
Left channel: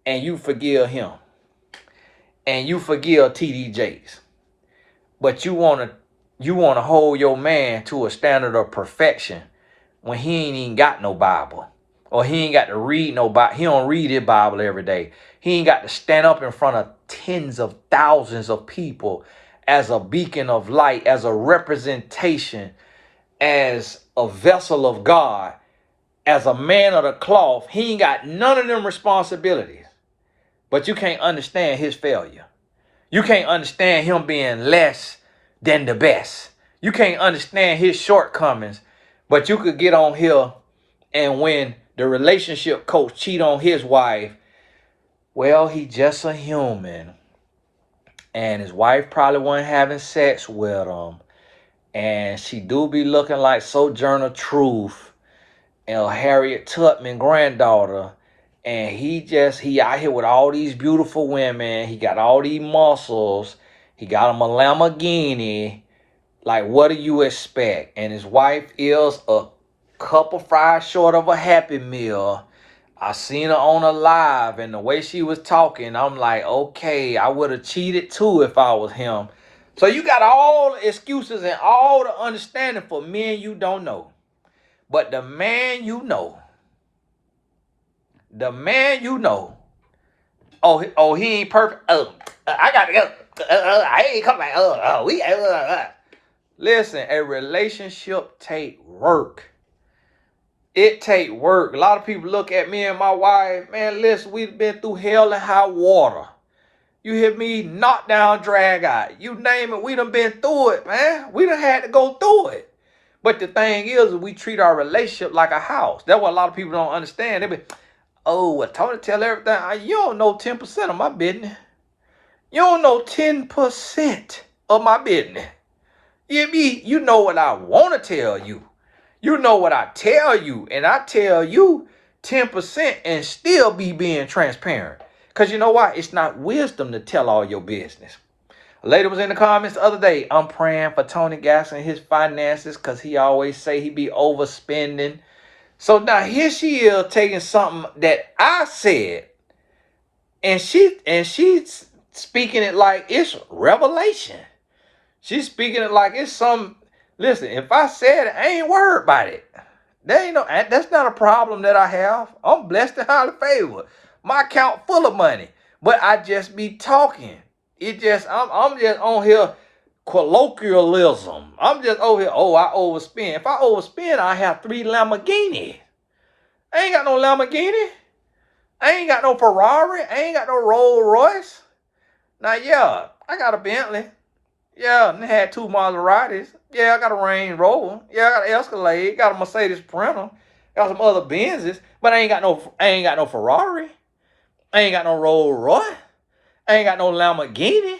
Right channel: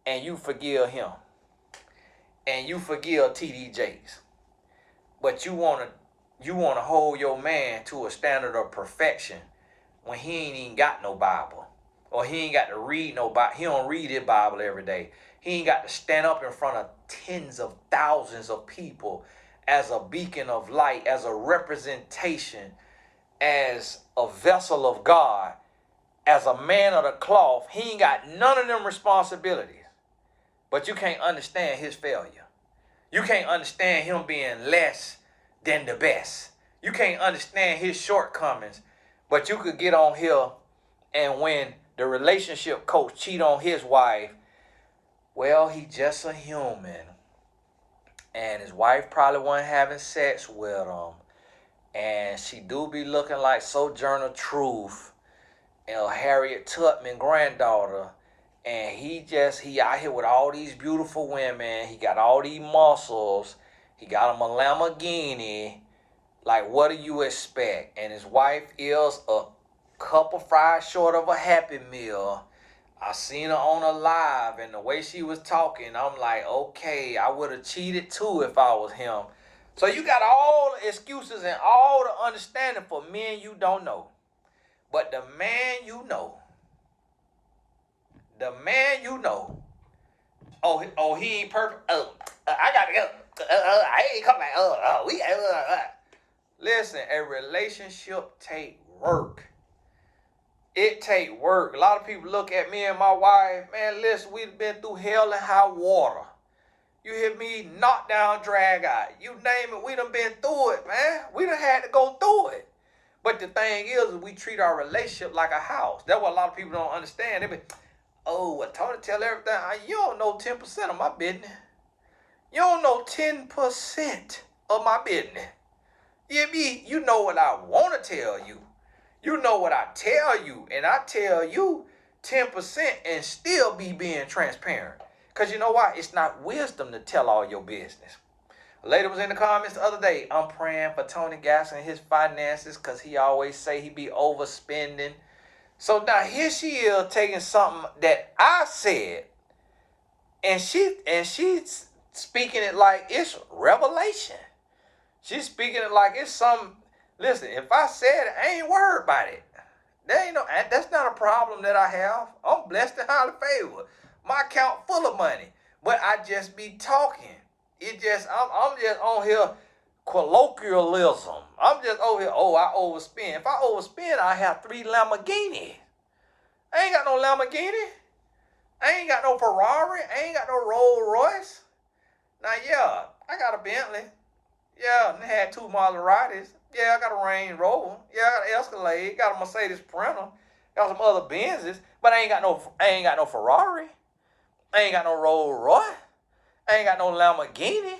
and you forgive him. And you forgive TD Jakes. But you wanna hold your man to a standard of perfection when he ain't even got no Bible. Or he ain't got to read no Bible. He don't read his Bible every day. He ain't got to stand up in front of tens of thousands of people as a beacon of light, as a representation, as a vessel of God, as a man of the cloth. He ain't got none of them responsibilities. But you can't understand his failure. You can't understand him being less than the best. You can't understand his shortcomings. But you could get on here and when the relationship coach cheat on his wife, well, he just a human. And his wife probably wasn't having sex with him. And she do be looking like Sojourner Truth and Harriet Tubman granddaughter. And he out here with all these beautiful women. He got all these muscles. He got him a Lamborghini. Like, what do you expect? And his wife is a couple fries short of a Happy Meal. I seen her on a live, and the way she was talking, I'm like, okay, I would have cheated too if I was him. So you got all the excuses and all the understanding for men you don't know. But the man you know, he ain't perfect. I gotta go. I ain't coming back. Listen, a relationship take work. It take work. A lot of people look at me and my wife, man, listen, we've been through hell and high water. You hear me? Knock down, drag out. You name it, we done been through it, man. We done had to go through it. But the thing is, we treat our relationship like a house. That's what a lot of people don't understand. They be, oh, well, Tony tell everything. You don't know 10% of my business. You don't know 10% of my business. You hear me? You know what I want to tell you. You know what I tell you. And I tell you 10% and still be being transparent. Because you know why? It's not wisdom to tell all your business. A lady was in the comments the other day. I'm praying for Tony Gaston and his finances because he always say he be overspending. So now here she is taking something that I said. And she's speaking it like it's revelation. She's speaking it like it's some. Listen, if I said it, I ain't worried about it. That's not a problem that I have. I'm blessed and highly favored. My account full of money. But I just be talking. I'm just on here colloquialism. I'm just over here, I overspend. If I overspend, I have 3 Lamborghinis. I ain't got no Lamborghini. I ain't got no Ferrari. I ain't got no Rolls Royce. Now, yeah, I got a Bentley. Yeah, and I had 2 Maseratis. Yeah, I got a Range Rover. Yeah, I got an Escalade. Got a Mercedes Sprinter. Got some other Benzes. But I ain't got no Ferrari. I ain't got no Rolls Royce. I ain't got no Lamborghini.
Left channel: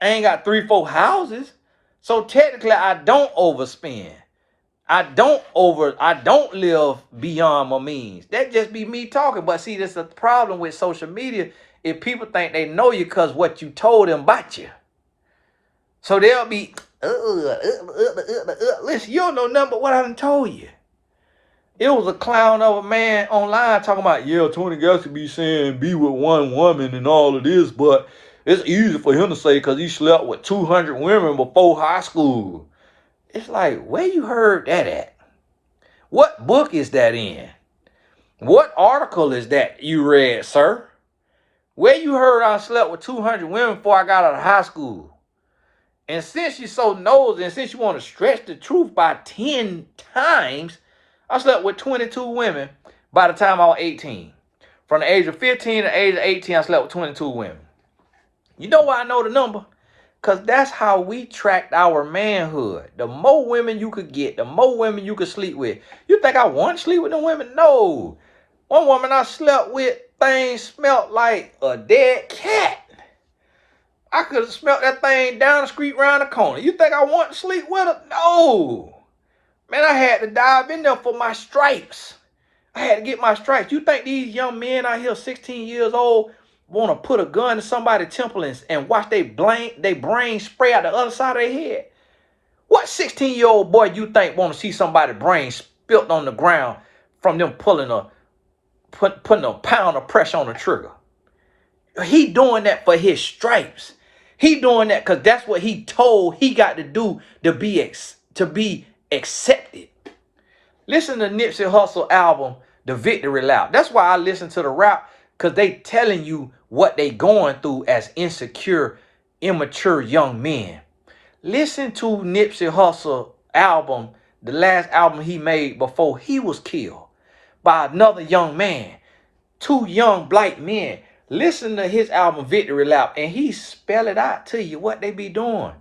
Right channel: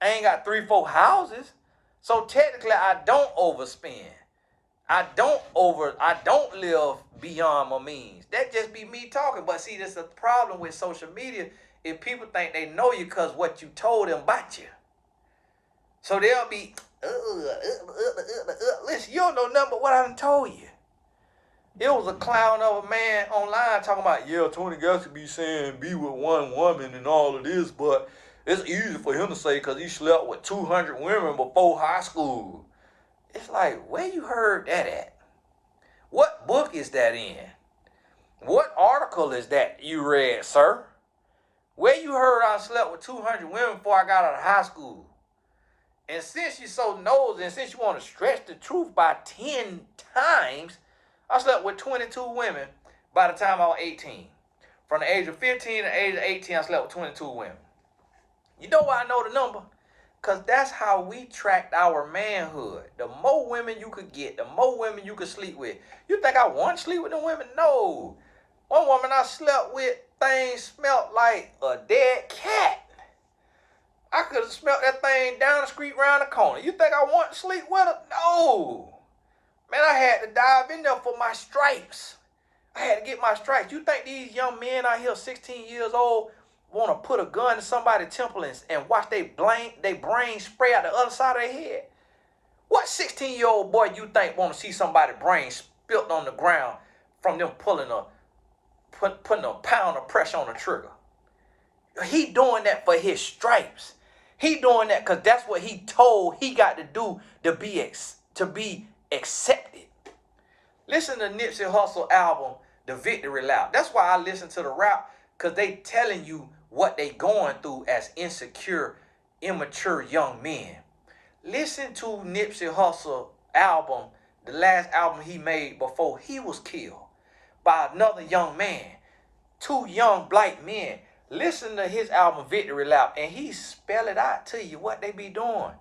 I ain't got 3-4 houses. So technically, I don't overspend. I don't live beyond my means. That just be me talking. But see, that's the problem with social media. If people think they know you because what you told them about you. So they'll be, listen, you don't know nothing but what I done told you. It was a clown of a man online talking about, yeah, Tony Gaston be saying be with one woman and all of this, but it's easy for him to say because he slept with 200 women before high school. It's like, where you heard that at? What book is that in? What article is that you read, sir? Where you heard I slept with 200 women before I got out of high school? And since you're so nosy and since you want to stretch the truth by 10 times, I slept with 22 women by the time I was 18. From the age of 15 to the age of 18, I slept with 22 women. You know why I know the number? Because that's how we tracked our manhood. The more women you could get, the more women you could sleep with. You think I want to sleep with them women? No. One woman I slept with, things smelled like a dead cat. I could have smelled that thing down the street around the corner. You think I want to sleep with her? No. Man, I had to dive in there for my stripes. I had to get my stripes. You think these young men out here, 16 years old, want to put a gun to somebody's temple and watch they brain spray out the other side of their head? What 16-year-old boy you think want to see somebody's brain spilt on the ground from them putting a pound of pressure on the trigger? He doing that for his stripes. He doing that because that's what he told he got to do to be accepted. Listen to Nipsey Hussle album, The Victory Lap. That's why I listen to the rap, because they telling you what they going through as insecure, immature young men. Listen to Nipsey Hussle album, the last album he made before he was killed by another young man. 2 young black men. Listen to his album, Victory Lap, and he spell it out to you what they be doing.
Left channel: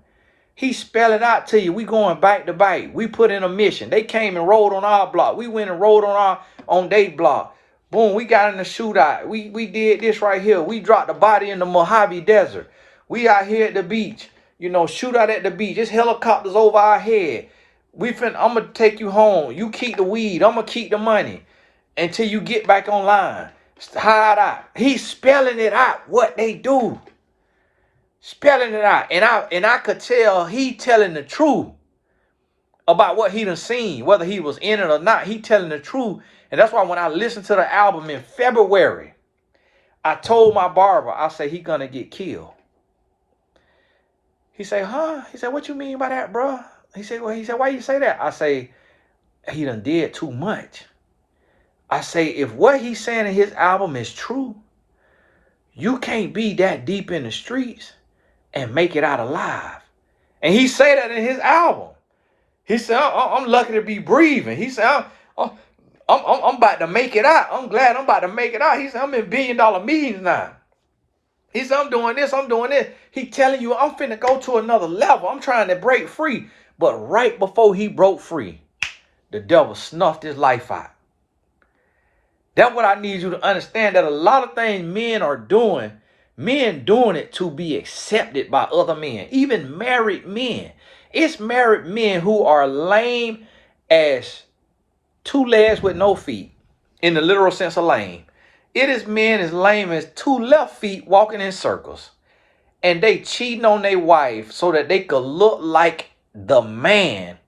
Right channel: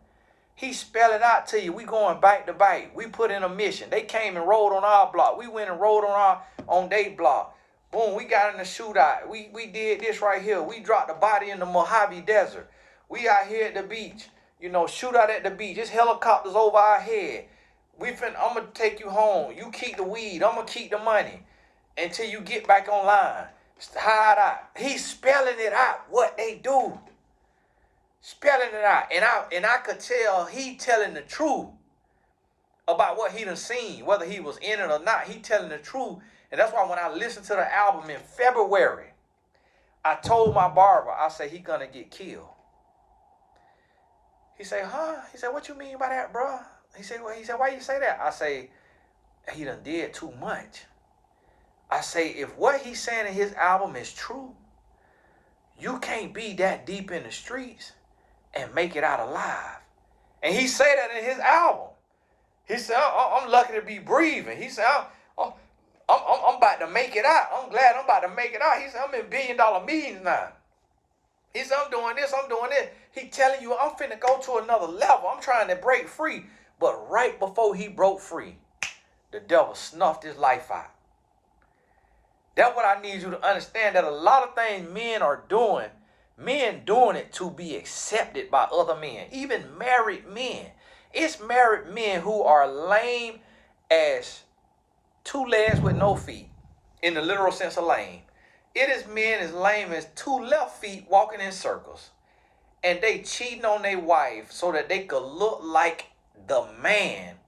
He spell it out to you. We going back to back. We put in a mission. They came and rode on our block. We went and rode on their block. Boom, we got in the shootout. We did this right here. We dropped the body in the Mojave Desert. We out here at the beach. you know, shoot out at the beach. There's helicopters over our head. I'm gonna take you home. You keep the weed. I'm gonna keep the money until you get back online. Hide out. He's spelling it out what they do. Spelling it out. And I could tell he telling the truth about what he done seen, whether he was in it or not. He telling the truth. And that's why when I listened to the album in February, I told my barber, I say he gonna get killed. He said, huh? He said, what you mean by that, bro? He said, why you say that? I say, he done did too much. I say, if what he's saying in his album is true, you can't be that deep in the streets and make it out alive. And he say that in his album. He said, I'm lucky to be breathing. He said, I'm about to make it out. I'm glad I'm about to make it out. He said, I'm in billion-dollar meetings now. He said, I'm doing this, I'm doing this. He telling you, I'm finna go to another level. I'm trying to break free. But right before he broke free, the devil snuffed his life out. That's what I need you to understand, that a lot of things men doing it to be accepted by other men, even married men. It's married men who are lame as two legs with no feet, in the literal sense of lame. It is men as lame as two left feet walking in circles. And they cheating on their wife so that they could look like the man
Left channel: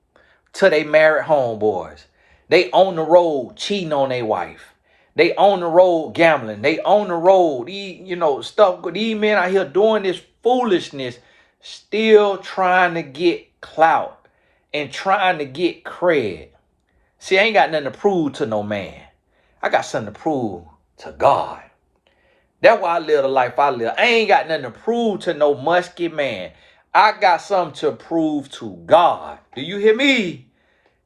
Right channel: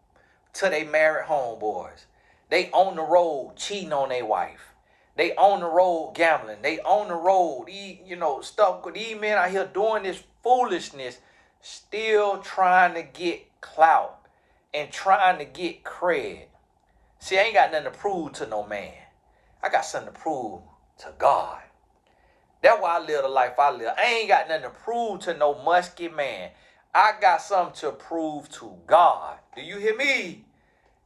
to their married homeboys. They on the road cheating on their wife. They on the road gambling. They on the road, stuff. These men out here doing this foolishness, still trying to get clout and trying to get cred. See, I ain't got nothing to prove to no man. I got something to prove to God. That's why I live the life I live. I ain't got nothing to prove to no musky man. I got something to prove to God. Do you hear me?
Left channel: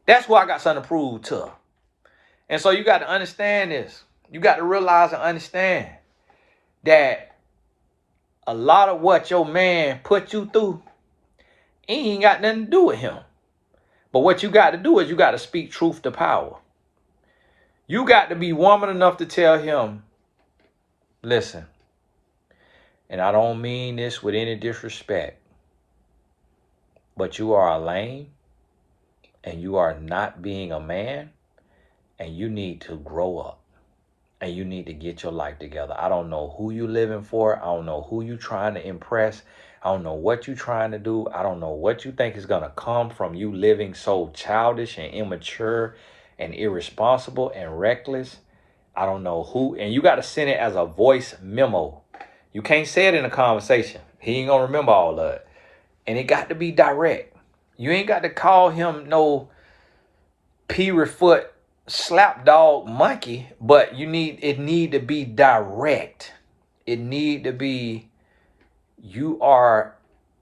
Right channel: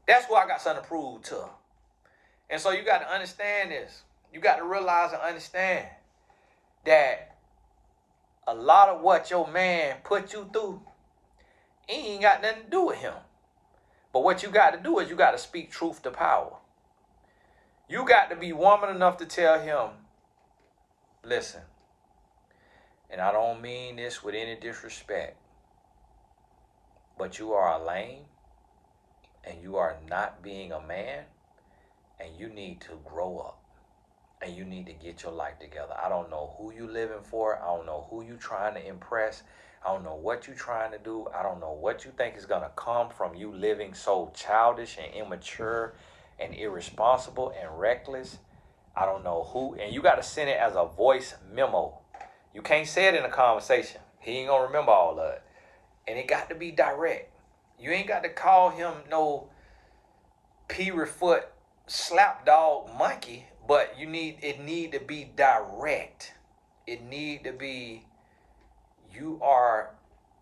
That's what I got something to prove to. And so you got to understand this. You got to realize and understand that a lot of what your man put you through ain't got nothing to do with him. But what you got to do is you got to speak truth to power. You got to be woman enough to tell him, listen, and I don't mean this with any disrespect, but you are a lame and you are not being a man, and you need to grow up and you need to get your life together. I don't know who you living for. I don't know who you trying to impress. I don't know what you trying to do. I don't know what you think is going to come from you living so childish and immature and irresponsible and reckless. I don't know who. And you got to send it as a voice memo. You can't say it in a conversation. He ain't going to remember all of it. And it got to be direct. You ain't got to call him no P-foot slapdog monkey, but it need to be direct. It need to be, you are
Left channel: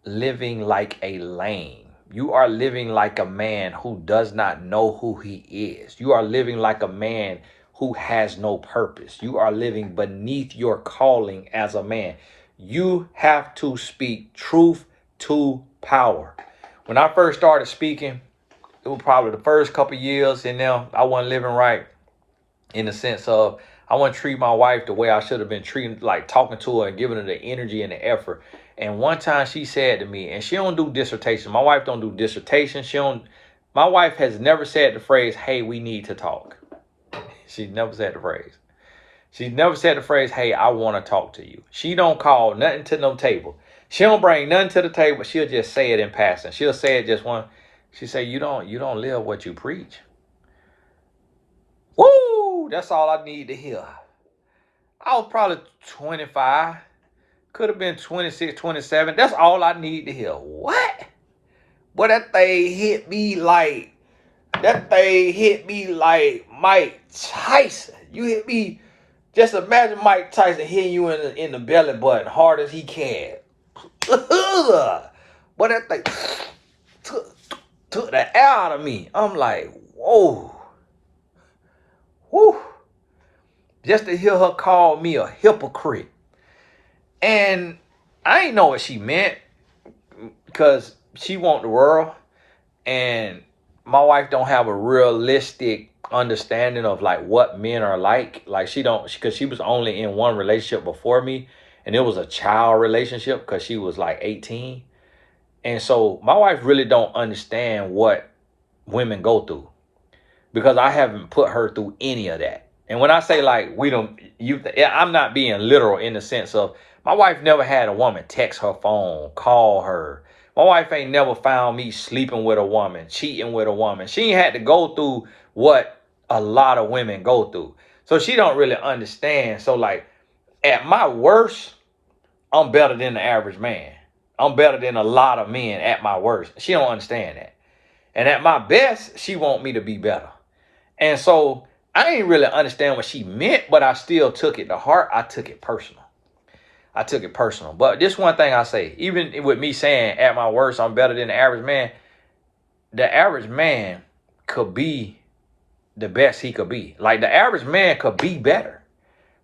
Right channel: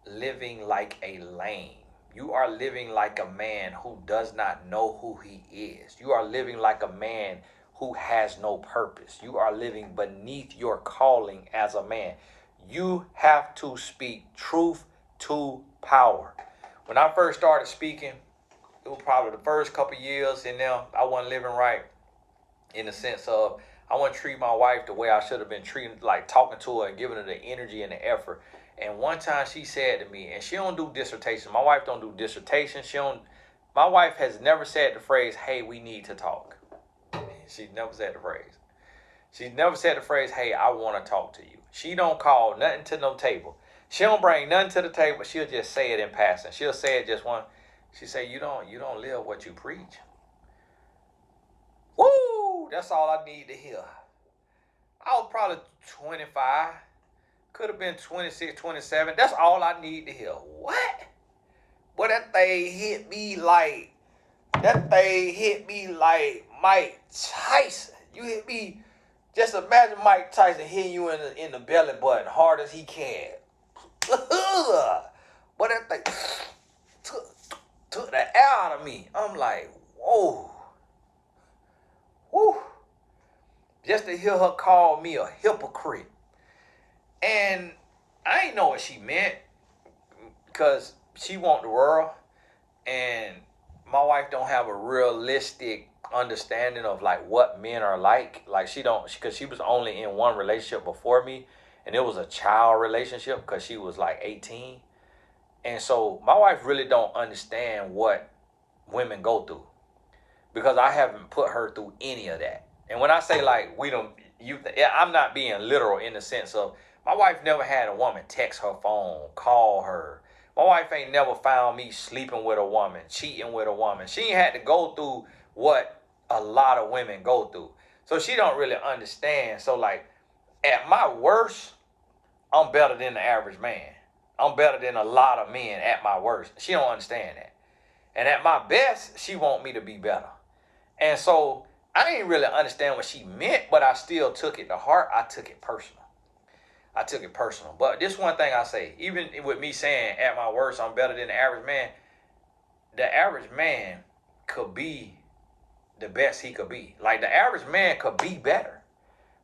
living like a lame. You are living like a man who does not know who he is. You are living like a man who has no purpose. You are living beneath your calling as a man. You have to speak truth to power. When I first started speaking, it was probably the first couple of years in there, I wasn't living right in the sense of I wasn't treating my wife the way I should have been treating, like talking to her and giving her the energy and the effort. And one time she said to me, and she don't do dissertation. My wife don't do dissertation. My wife has never said the phrase, hey, we need to talk. She's never said the phrase. She's never said the phrase, hey, I want to talk to you. She don't call nothing to no table. She don't bring nothing to the table. She'll just say it in passing. She'll say it just one. She say, you don't live what you preach. Woo! That's all I need to hear. I was probably 25. Could have been 26, 27. That's all I need to hear. What? Boy, that thing hit me like Mike Tyson. You hit me. Just imagine Mike Tyson hitting you in the belly button hard as he can. Boy, that thing took the air out of me. I'm like, whoa. Whew. Just to hear her call me a hypocrite. And I ain't know what she meant, because she want the world, and my wife don't have a realistic understanding of like what men are like. Like she don't, because she was only in one relationship before me, and it was a child relationship because she was like 18. And so my wife really don't understand what women go through because I haven't put her through any of that. And when I say like we don't, I'm not being literal in the sense of my wife never had a woman text her phone, call her. My wife ain't never found me sleeping with a woman, cheating with a woman. She ain't had to go through what a lot of women go through. So she don't really understand. So like at my worst, I'm better than the average man. I'm better than a lot of men at my worst. She don't understand that. And at my best, she want me to be better. And so I ain't really understand what she meant, but I still took it to heart. I took it personal. I took it personal. But this one thing I say, even with me saying at my worst, I'm better than the average man could be the best he could be. Like the average man could be better,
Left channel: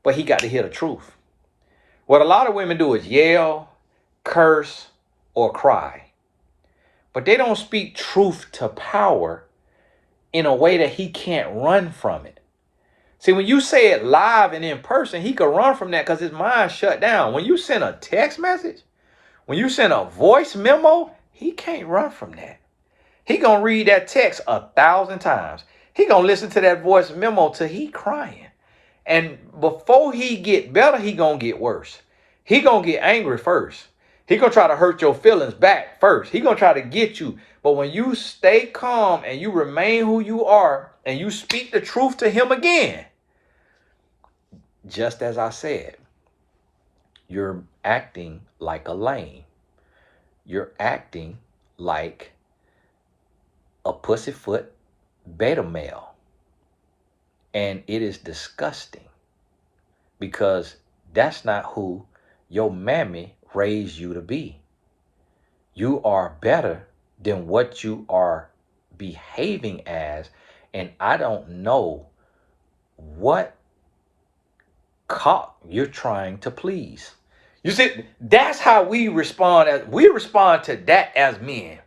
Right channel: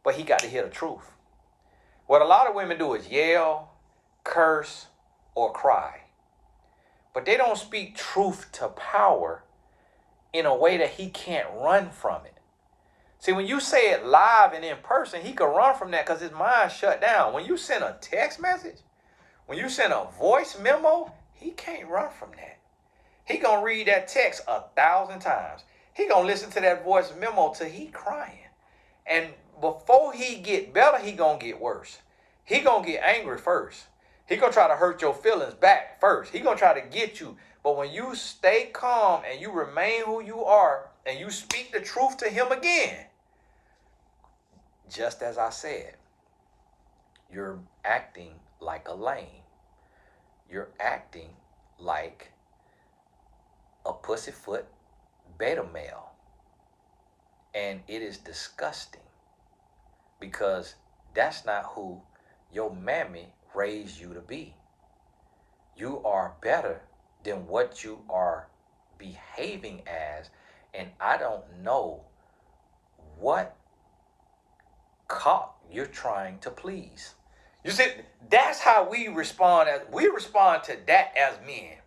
but he got to hear the truth. What a lot of women do is yell, curse, or cry. But they don't speak truth to power in a way that he can't run from it. See, when you say it live and in person, he could run from that because his mind shut down. When you send a text message, when you send a voice memo, he can't run from that. He gonna read that text 1,000 times. He gonna listen to that voice memo till he crying. And before he get better, he gonna get worse. He gonna get angry first. He gonna try to hurt your feelings back first. He gonna try to get you. But when you stay calm and you remain who you are and you speak the truth to him again, just as I said, you're acting like a lame. You're acting like a pussyfoot beta male. And it is disgusting because that's not who your mammy raised you to be. You are better than what you are behaving as. And I don't know what cock you're trying to please. You see, that's how we respond. We respond to that as men.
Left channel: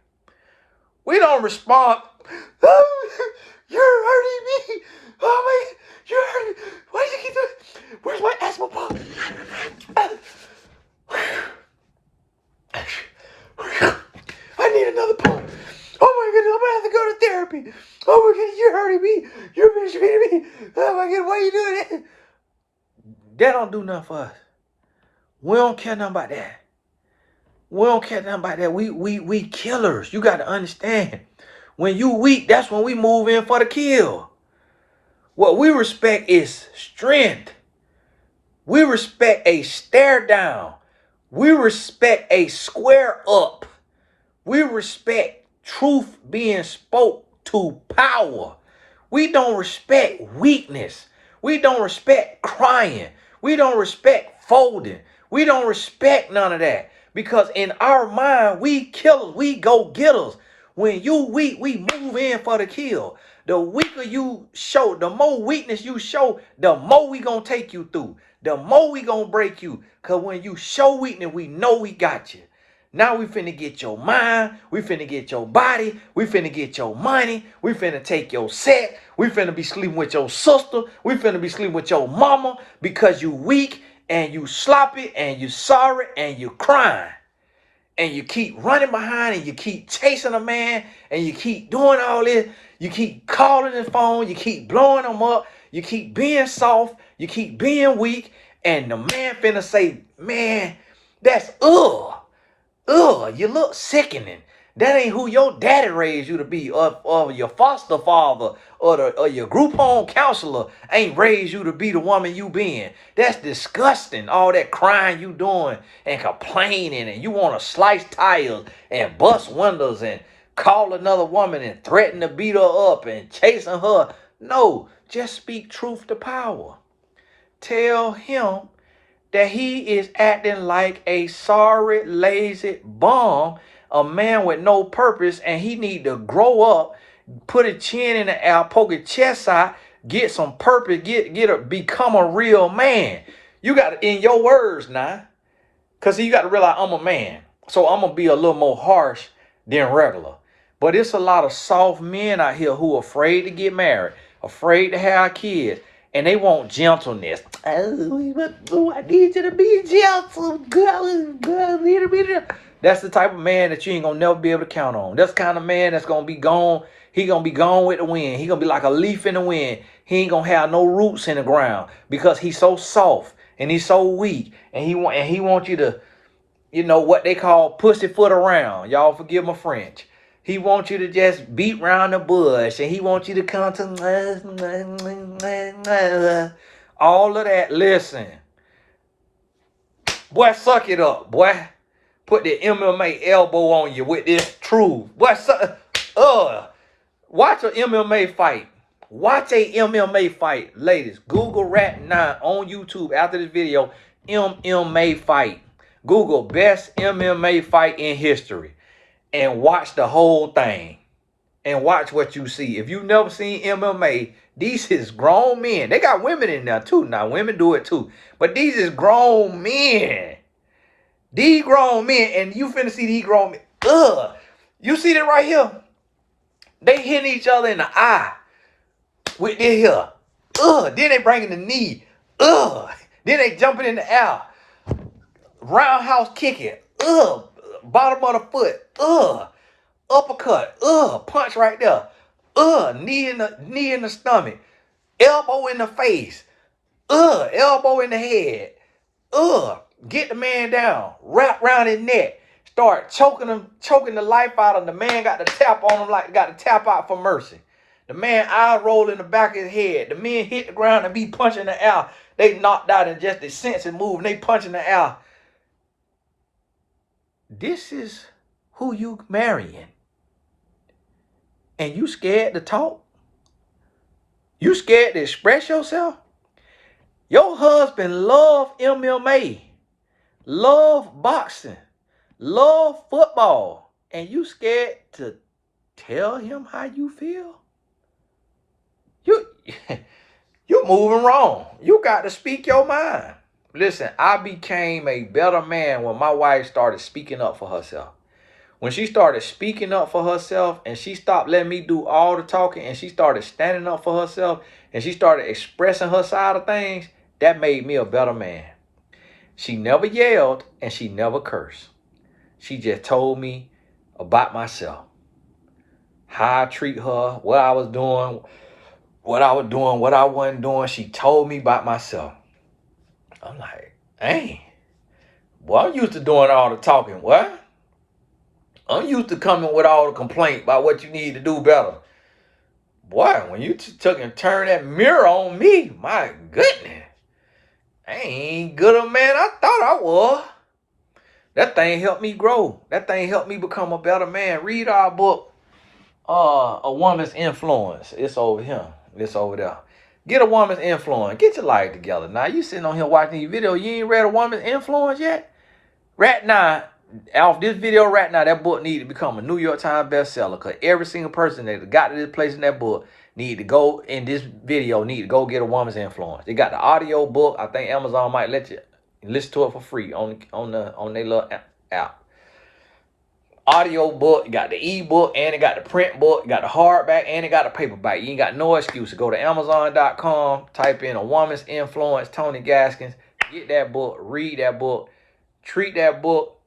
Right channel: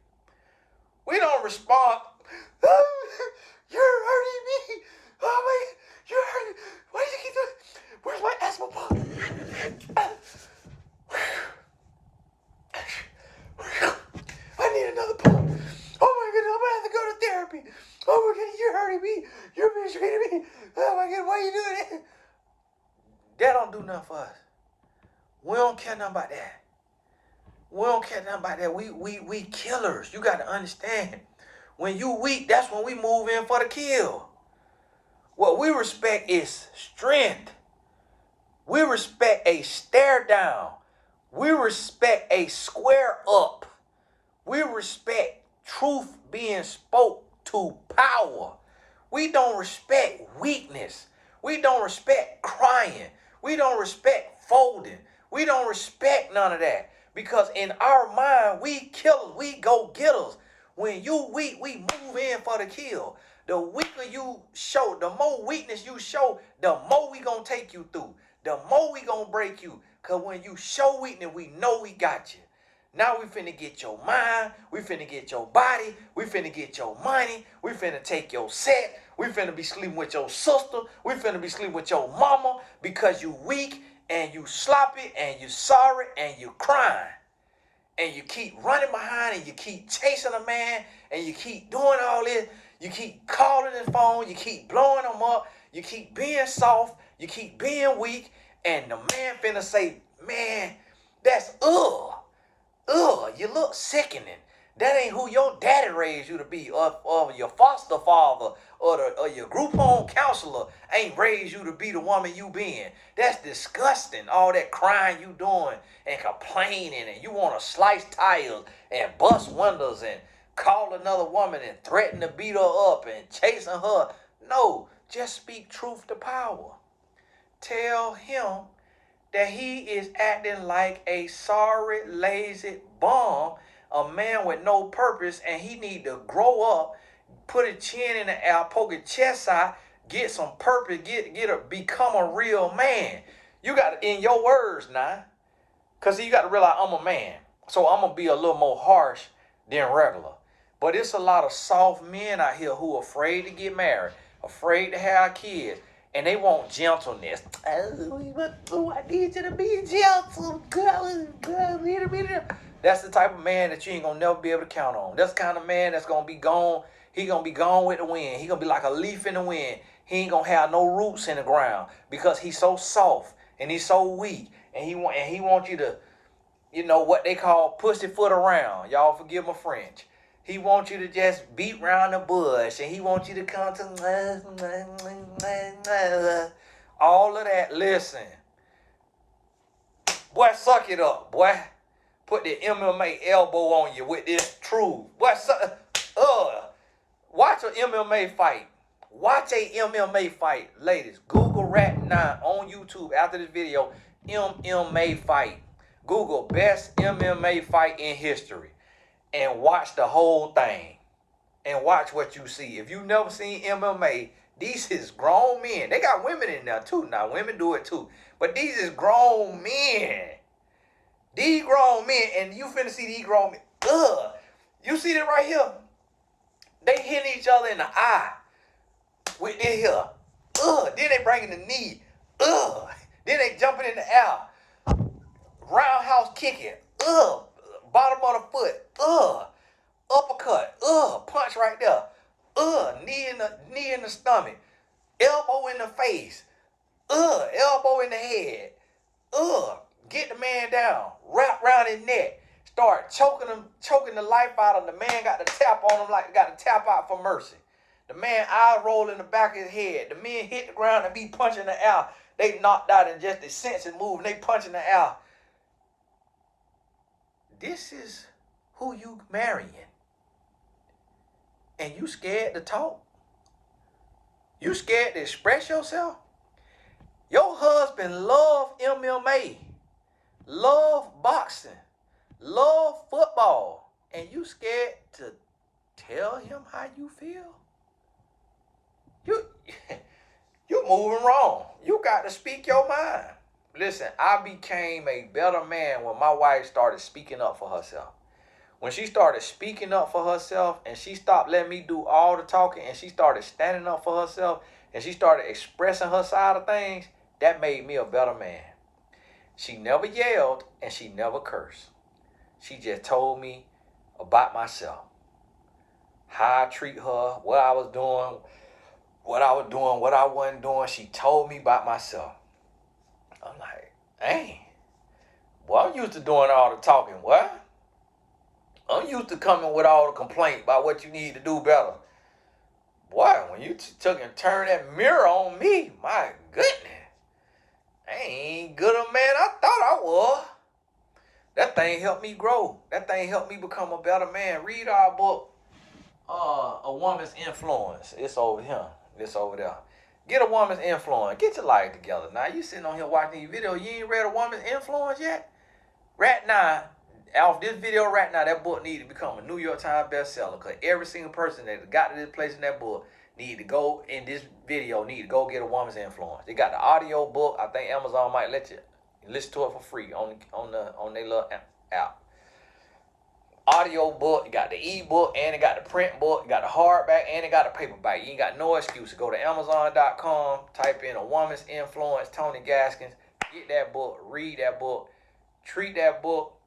We don't respond, oh, you're hurting me. Oh my, you're hurting me. Why do you keep doing? Where's my asthma pump? I need another pump. Oh my goodness, I'm gonna have to go to therapy. Oh my goodness, you're hurting me. You're mistreating me. Oh my goodness, why are you doing that? That don't do nothing for us. We don't care nothing about that. We don't care nothing about that. We killers. You got to understand. When you weak, that's when we move in for the kill. What we respect is strength. We respect a stare down. We respect a square up. We respect truth being spoke to power. We don't respect weakness. We don't respect crying. We don't respect folding. We don't respect none of that. Because in our mind, we killers, we go-getters. When you weak, we move in for the kill. The weaker you show, the more weakness you show, the more we gonna take you through. The more we gonna break you. Because when you show weakness, we know we got you. Now we finna get your mind, we finna get your body, we finna get your money, we finna take your set, we finna be sleeping with your sister, we finna be sleeping with your mama because you weak and you sloppy and you sorry and you crying. And you keep running behind and you keep chasing a man and you keep doing all this. You keep calling his phone, you keep blowing him up, you keep being soft, you keep being weak, and the man finna say, man, that's you look sickening. That ain't who your daddy raised you to be, or your foster father, or your group home counselor ain't raised you to be the woman you been. That's disgusting. All that crying you doing and complaining, and you want to slice tires and bust windows and call another woman and threaten to beat her up and chasing her. No, just speak truth to power. Tell him that he is acting like a sorry, lazy bum, a man with no purpose, and he need to grow up, put his chin in the air, poke his chest out, get some purpose, become a real man. You got to, in your words now, because you got to realize I'm a man, so I'm going to be a little more harsh than regular. But it's a lot of soft men out here who are afraid to get married, afraid to have kids, and they want gentleness. Oh, I need you to be gentle. Girl. That's the type of man that you ain't gonna never be able to count on. That's the kind of man that's gonna be gone. He gonna be gone with the wind. He gonna be like a leaf in the wind. He ain't gonna have no roots in the ground because he's so soft and he's so weak. And he want you to, you know, what they call pussyfoot around. Y'all forgive my French. He wants you to just beat round the bush, and he wants you to come to all of that. Listen, boy, suck it up, boy. Put the MMA elbow on you with this truth. Boy, watch an MMA fight. Watch a MMA fight, ladies. Google Rat9 on YouTube after this video. MMA fight. Google best MMA fight in history and watch the whole thing and watch what you see. If you've never seen MMA, these is grown men. They got women in there too. Now, women do it too. But these is grown men. These grown men, and you finna see these grown men. You see that right here? They hitting each other in the eye with this here. Then they bringing the knee. Then they jumping in the air. Roundhouse kicking. Bottom of the foot. Uppercut. Punch right there. Knee in the stomach. Elbow in the face. Elbow in the head. Get the man down. Wrap around his neck. Start choking the life out of him. The man got to tap on him like got to tap out for mercy. The man eye roll in the back of his head. The men hit the ground and be punching the air. They knocked out and just their senses move and they punching the air. This is who you marrying. And you scared to talk? You scared to express yourself? Your husband love MMA, love boxing, love football, and you scared to tell him how you feel? You moving wrong. You got to speak your mind. Listen, I became a better man when my wife started speaking up for herself. When she started speaking up for herself and she stopped letting me do all the talking and she started standing up for herself and she started expressing her side of things, that made me a better man. She never yelled and she never cursed. She just told me about myself, how I treat her, what I was doing, what I wasn't doing. She told me about myself. I'm like, dang, boy, I'm used to doing all the talking. What? I'm used to coming with all the complaint about what you need to do better. Boy, when you took and turned that mirror on me, my goodness, I ain't good a man I thought I was. That thing helped me grow. That thing helped me become a better man. Read our book, A Woman's Influence. It's over here. It's over there. Get A Woman's Influence. Get your life together. Now, you sitting on here watching these videos. You ain't read A Woman's Influence yet? Right now, off this video right now, that book need to become a New York Times bestseller because every single person that got to this place in that book need to go in this video, need to go get A Woman's Influence. They got the audio book. I think Amazon might let you listen to it for free on their little app. Audio book, you got the ebook, and it got the print book, you got the hardback, and it got the paperback. You ain't got no excuse to go to Amazon.com, type in A Woman's Influence, Tony Gaskins, get that book, read that book, treat that book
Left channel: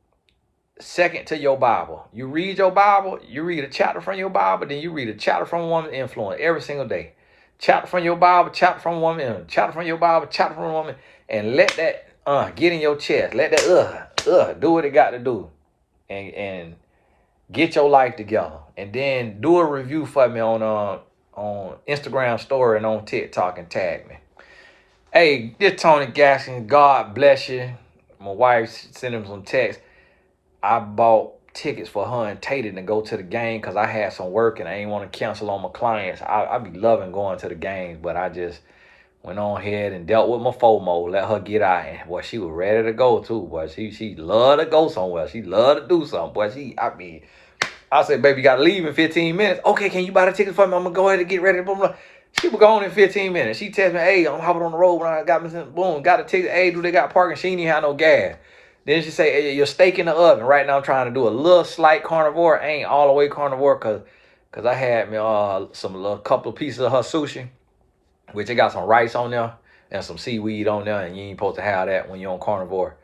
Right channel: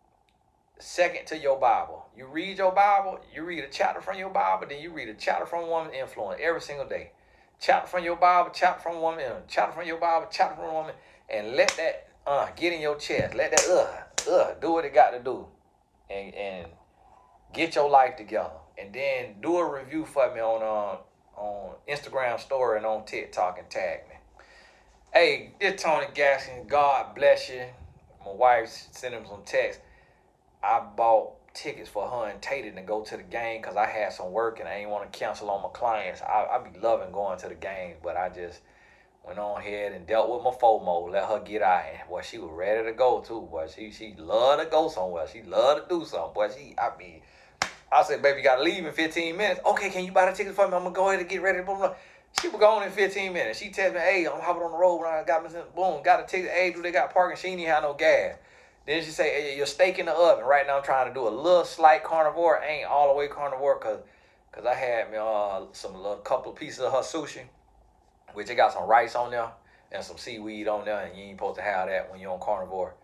second to your Bible. You read your Bible, you read a chapter from your Bible, then you read a chapter from A Woman's Influence every single day. Chapter from your Bible, chapter from a woman, chapter from your Bible, chapter from a woman, and let that get in your chest. Let that do what it got to do, and get your life together, and then do a review for me on Instagram story and on TikTok and tag me. Hey, this Tony Gaskins. God bless you. My wife sent him some text. I bought tickets for her and Tatum to go to the game because I had some work and I ain't want to cancel on my clients. I be loving going to the games, but I just went on ahead and dealt with my FOMO, let her get out. And boy, she was ready to go too. Boy, she loved to go somewhere. She loved to do something. Boy, I said, baby, you got to leave in 15 minutes. Okay, can you buy the tickets for me? I'm going to go ahead and get ready. Blah, blah. She was gone in 15 minutes. She texted me, hey, I'm hopping on the road when I got me some, boom, got the ticket. Hey, do they got parking? She ain't have no gas. Then she say, hey, your steak in the oven. Right now I'm trying to do a little slight carnivore. I ain't all the way carnivore because I had me a couple of pieces of her sushi, which it got some rice on there and some seaweed on there, and you ain't supposed to have that when you're on carnivore.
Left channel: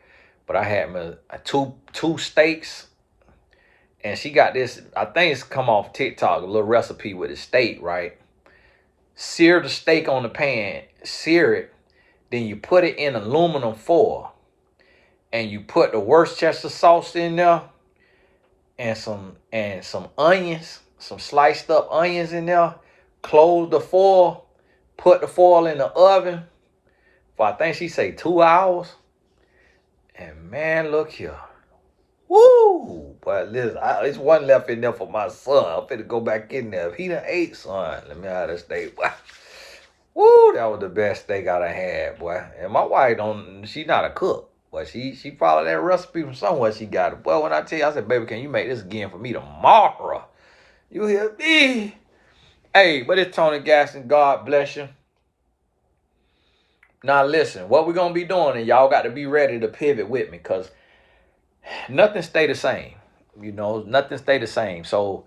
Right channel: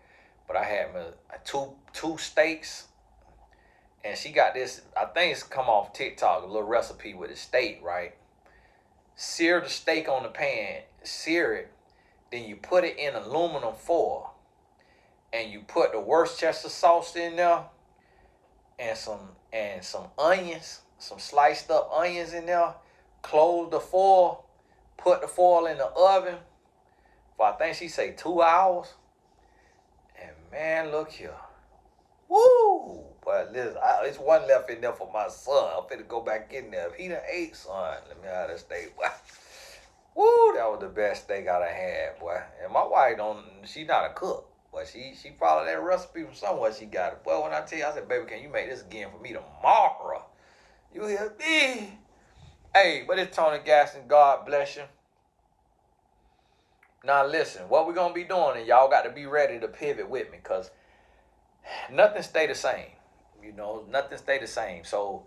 But I had me two steaks And she got this, I think it's come off TikTok, a little recipe with a steak, right? Sear the steak on the pan, sear it, then you put it in aluminum foil, and you put the Worcestershire sauce in there, and some onions, some sliced up onions in there. Close the foil, put the foil in the oven for, I think she say 2 hours. And man, look here. Woo! But listen, it's one left in there for my son. I'm finna go back in there. If he done ate, son, let me have that steak. Woo! That was the best steak I done had, boy. And my wife she not a cook, but she followed that recipe from somewhere she got it. Boy, when I tell you, I said, baby, can you make this again for me tomorrow? You hear me? Hey, but it's Tony Gaston. God bless you. Now listen, what we're going to be doing, and y'all got to be ready to pivot with me, because nothing stay the same. You know, nothing stay the same. So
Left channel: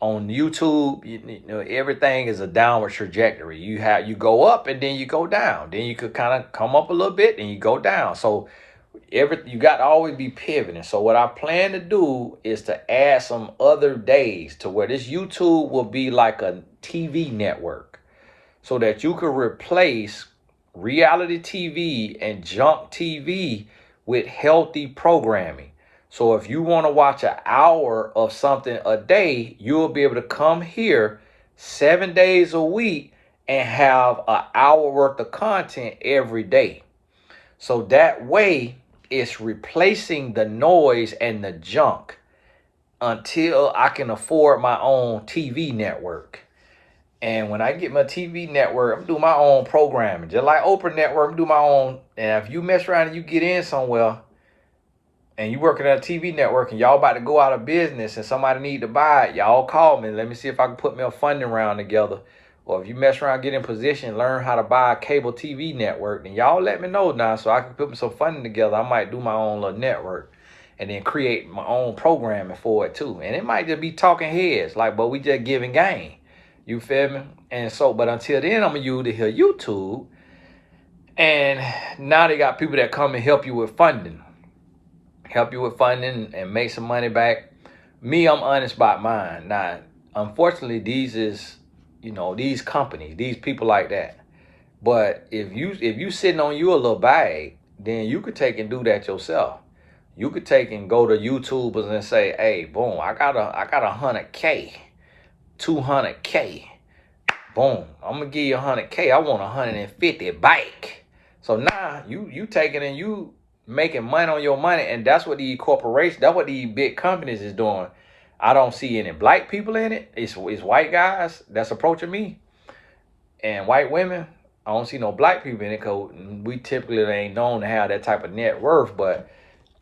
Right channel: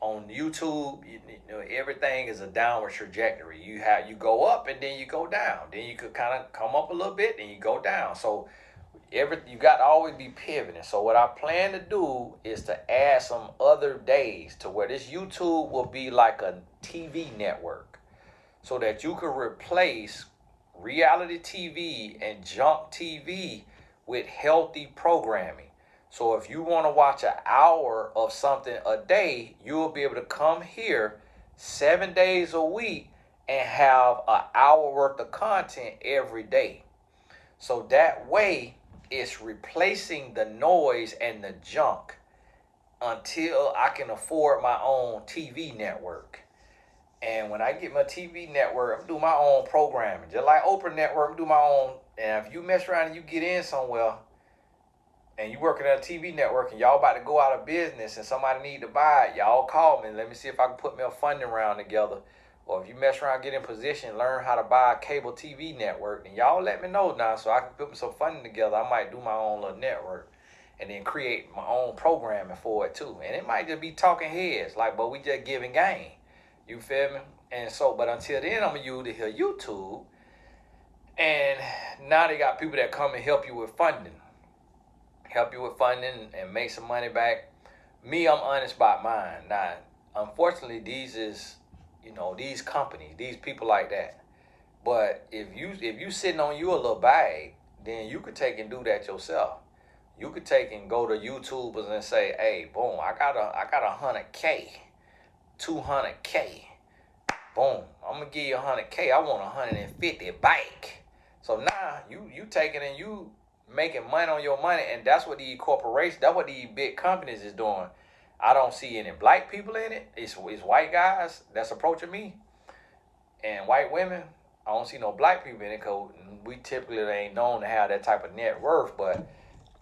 on YouTube, you know, everything is a downward trajectory. You go up and then you go down. Then you could kind of come up a little bit and you go down. So you got to always be pivoting. So what I plan to do is to add some other days to where this YouTube will be like a TV network, so that you could replace reality TV and junk TV with healthy programming. So if you want to watch an hour of something a day, you'll be able to come here 7 days a week and have an hour worth of content every day. So that way it's replacing the noise and the junk until I can afford my own TV network. And when I get my TV network, I'm doing my own programming. Just like Oprah Network, I'm doing my own. And if you mess around and you get in somewhere and you working at a TV network and y'all about to go out of business and somebody need to buy it, y'all call me. Let me see if I can put me a funding round together. Or if you mess around, get in position, learn how to buy a cable TV network, then y'all let me know now so I can put some funding together. I might do my own little network and then create my own programming for it too. And it might just be talking heads, but we just giving game. You feel me? And so, but until then, I'm going to use it here, YouTube. And now they got people that come and help you with funding. Help you with funding and make some money back. Me, I'm honest about mine. Now, unfortunately, these companies, these people like that. But if you sitting on you a little bag, then you could take and do that yourself. You could take and go to YouTubers and say, hey, boom, I got 100K. 200K. Boom. I'm gonna give you 100K. I want 150 back. So now you taking and you making money on your money, and that's what these corporations, that's what these big companies is doing. I don't see any black people in it. It's white guys that's approaching me, and white women. I don't see no black people in it, because we typically ain't known to have that type of net worth. But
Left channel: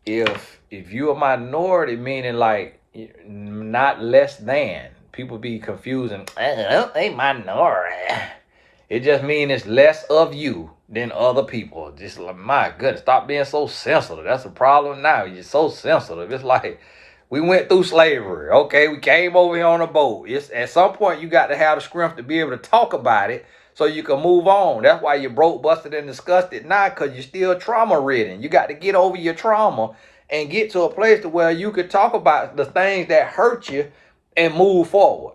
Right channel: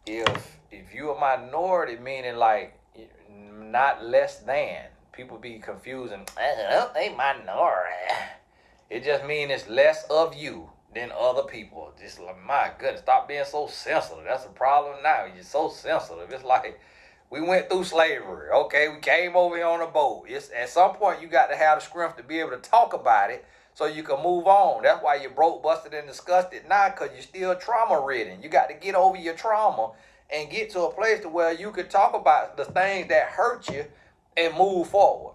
if you're a minority, meaning like not less than, people be confusing. They minority. It just means it's less of you than other people. Just like, my goodness, stop being so sensitive. That's the problem now. You're so sensitive. It's like we went through slavery. Okay, we came over here on a boat. It's at some point you got to have the strength to be able to talk about it so you can move on. That's why you're broke, busted, and disgusted now, because you're still trauma ridden. You got to get over your trauma and get to a place to where you could talk about the things that hurt you and move forward.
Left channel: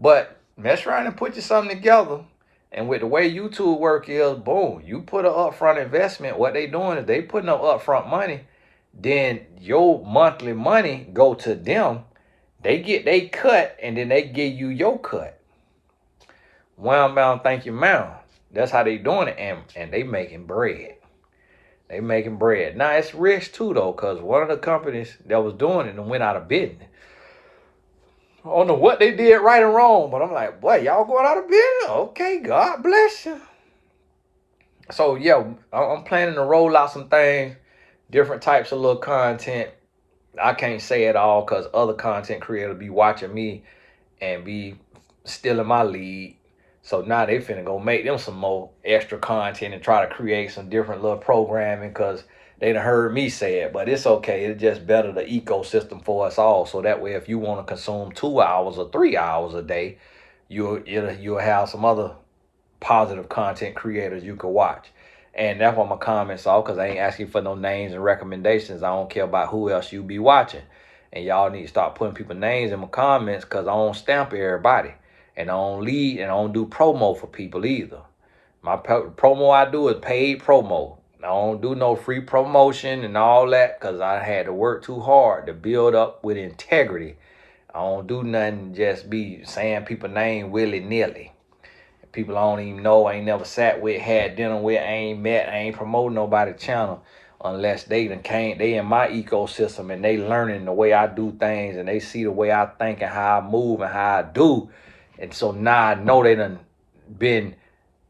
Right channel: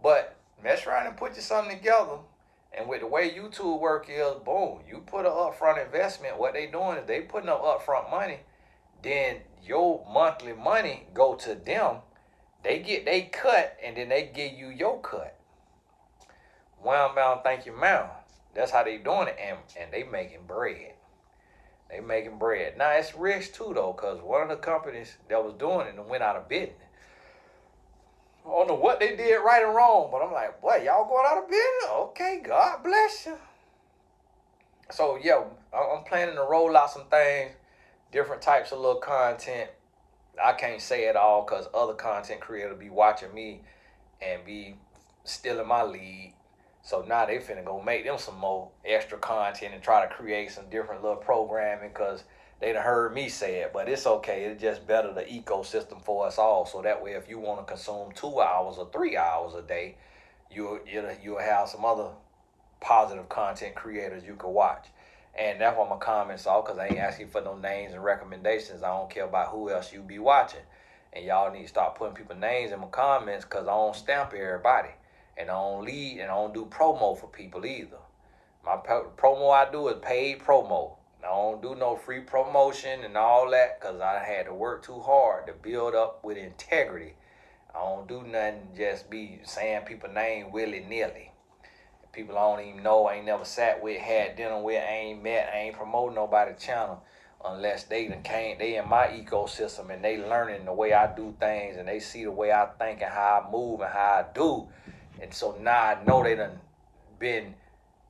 But mess around and put you something together. And with the way YouTube work is, boom, you put an upfront investment. What they doing is they putting up upfront money. Then your monthly money go to them. They get they cut, and then they give you your cut. Wham, bam, thank you, ma'am. That's how they doing it, and they making bread. They making bread. Now it's risk too though, because one of the companies that was doing it went out of business. I don't know what they did right or wrong, but I'm like, boy, y'all going out of business? Okay, God bless you. So, yeah, I'm planning to roll out some things, different types of little content. I can't say it all because other content creators be watching me and be stealing my lead. So now they finna go make them some more extra content and try to create some different little programming, because they done heard me say it. But it's okay. It's just better the ecosystem for us all. So that way, if you want to consume 2 hours or 3 hours a day, you'll have some other positive content creators you can watch. And that's what my comments are, because I ain't asking for no names and recommendations. I don't care about who else you be watching. And y'all need to start putting people's names in my comments, because I don't stamp everybody. And I don't lead and I don't do promo for people either. My promo I do is paid promo. I don't do no free promotion and all that, because I had to work too hard to build up with integrity. I don't do nothing just be saying people's name willy-nilly. People I don't even know, I ain't never sat with, had dinner with, I ain't met, I ain't promoting nobody's channel unless they in my ecosystem and they learning the way I do things and they see the way I think and how I move and how I do. And so now I know they done been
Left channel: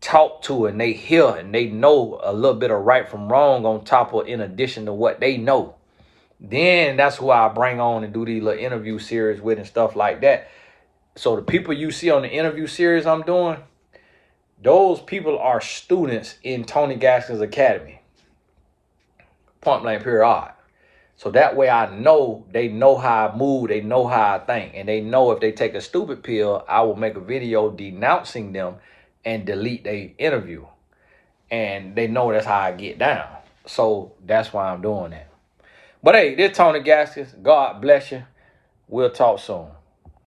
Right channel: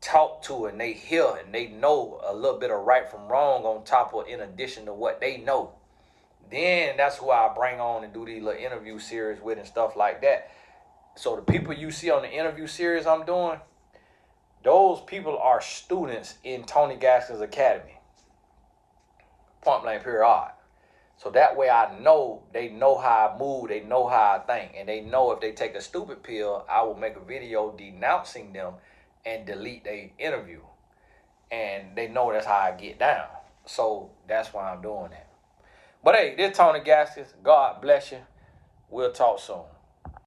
talked to and they hear and they know a little bit of right from wrong on top of, in addition to what they know. Then that's who I bring on and do these little interview series with and stuff like that. So the people you see on the interview series I'm doing, those people are students in Tony Gaskins Academy. Point blank period. So that way I know they know how I move, they know how I think, and they know if they take a stupid pill, I will make a video denouncing them and delete their interview. And they know that's how I get down. So that's why I'm doing that. But hey, this Tony Gaskins. God bless you. We'll talk soon.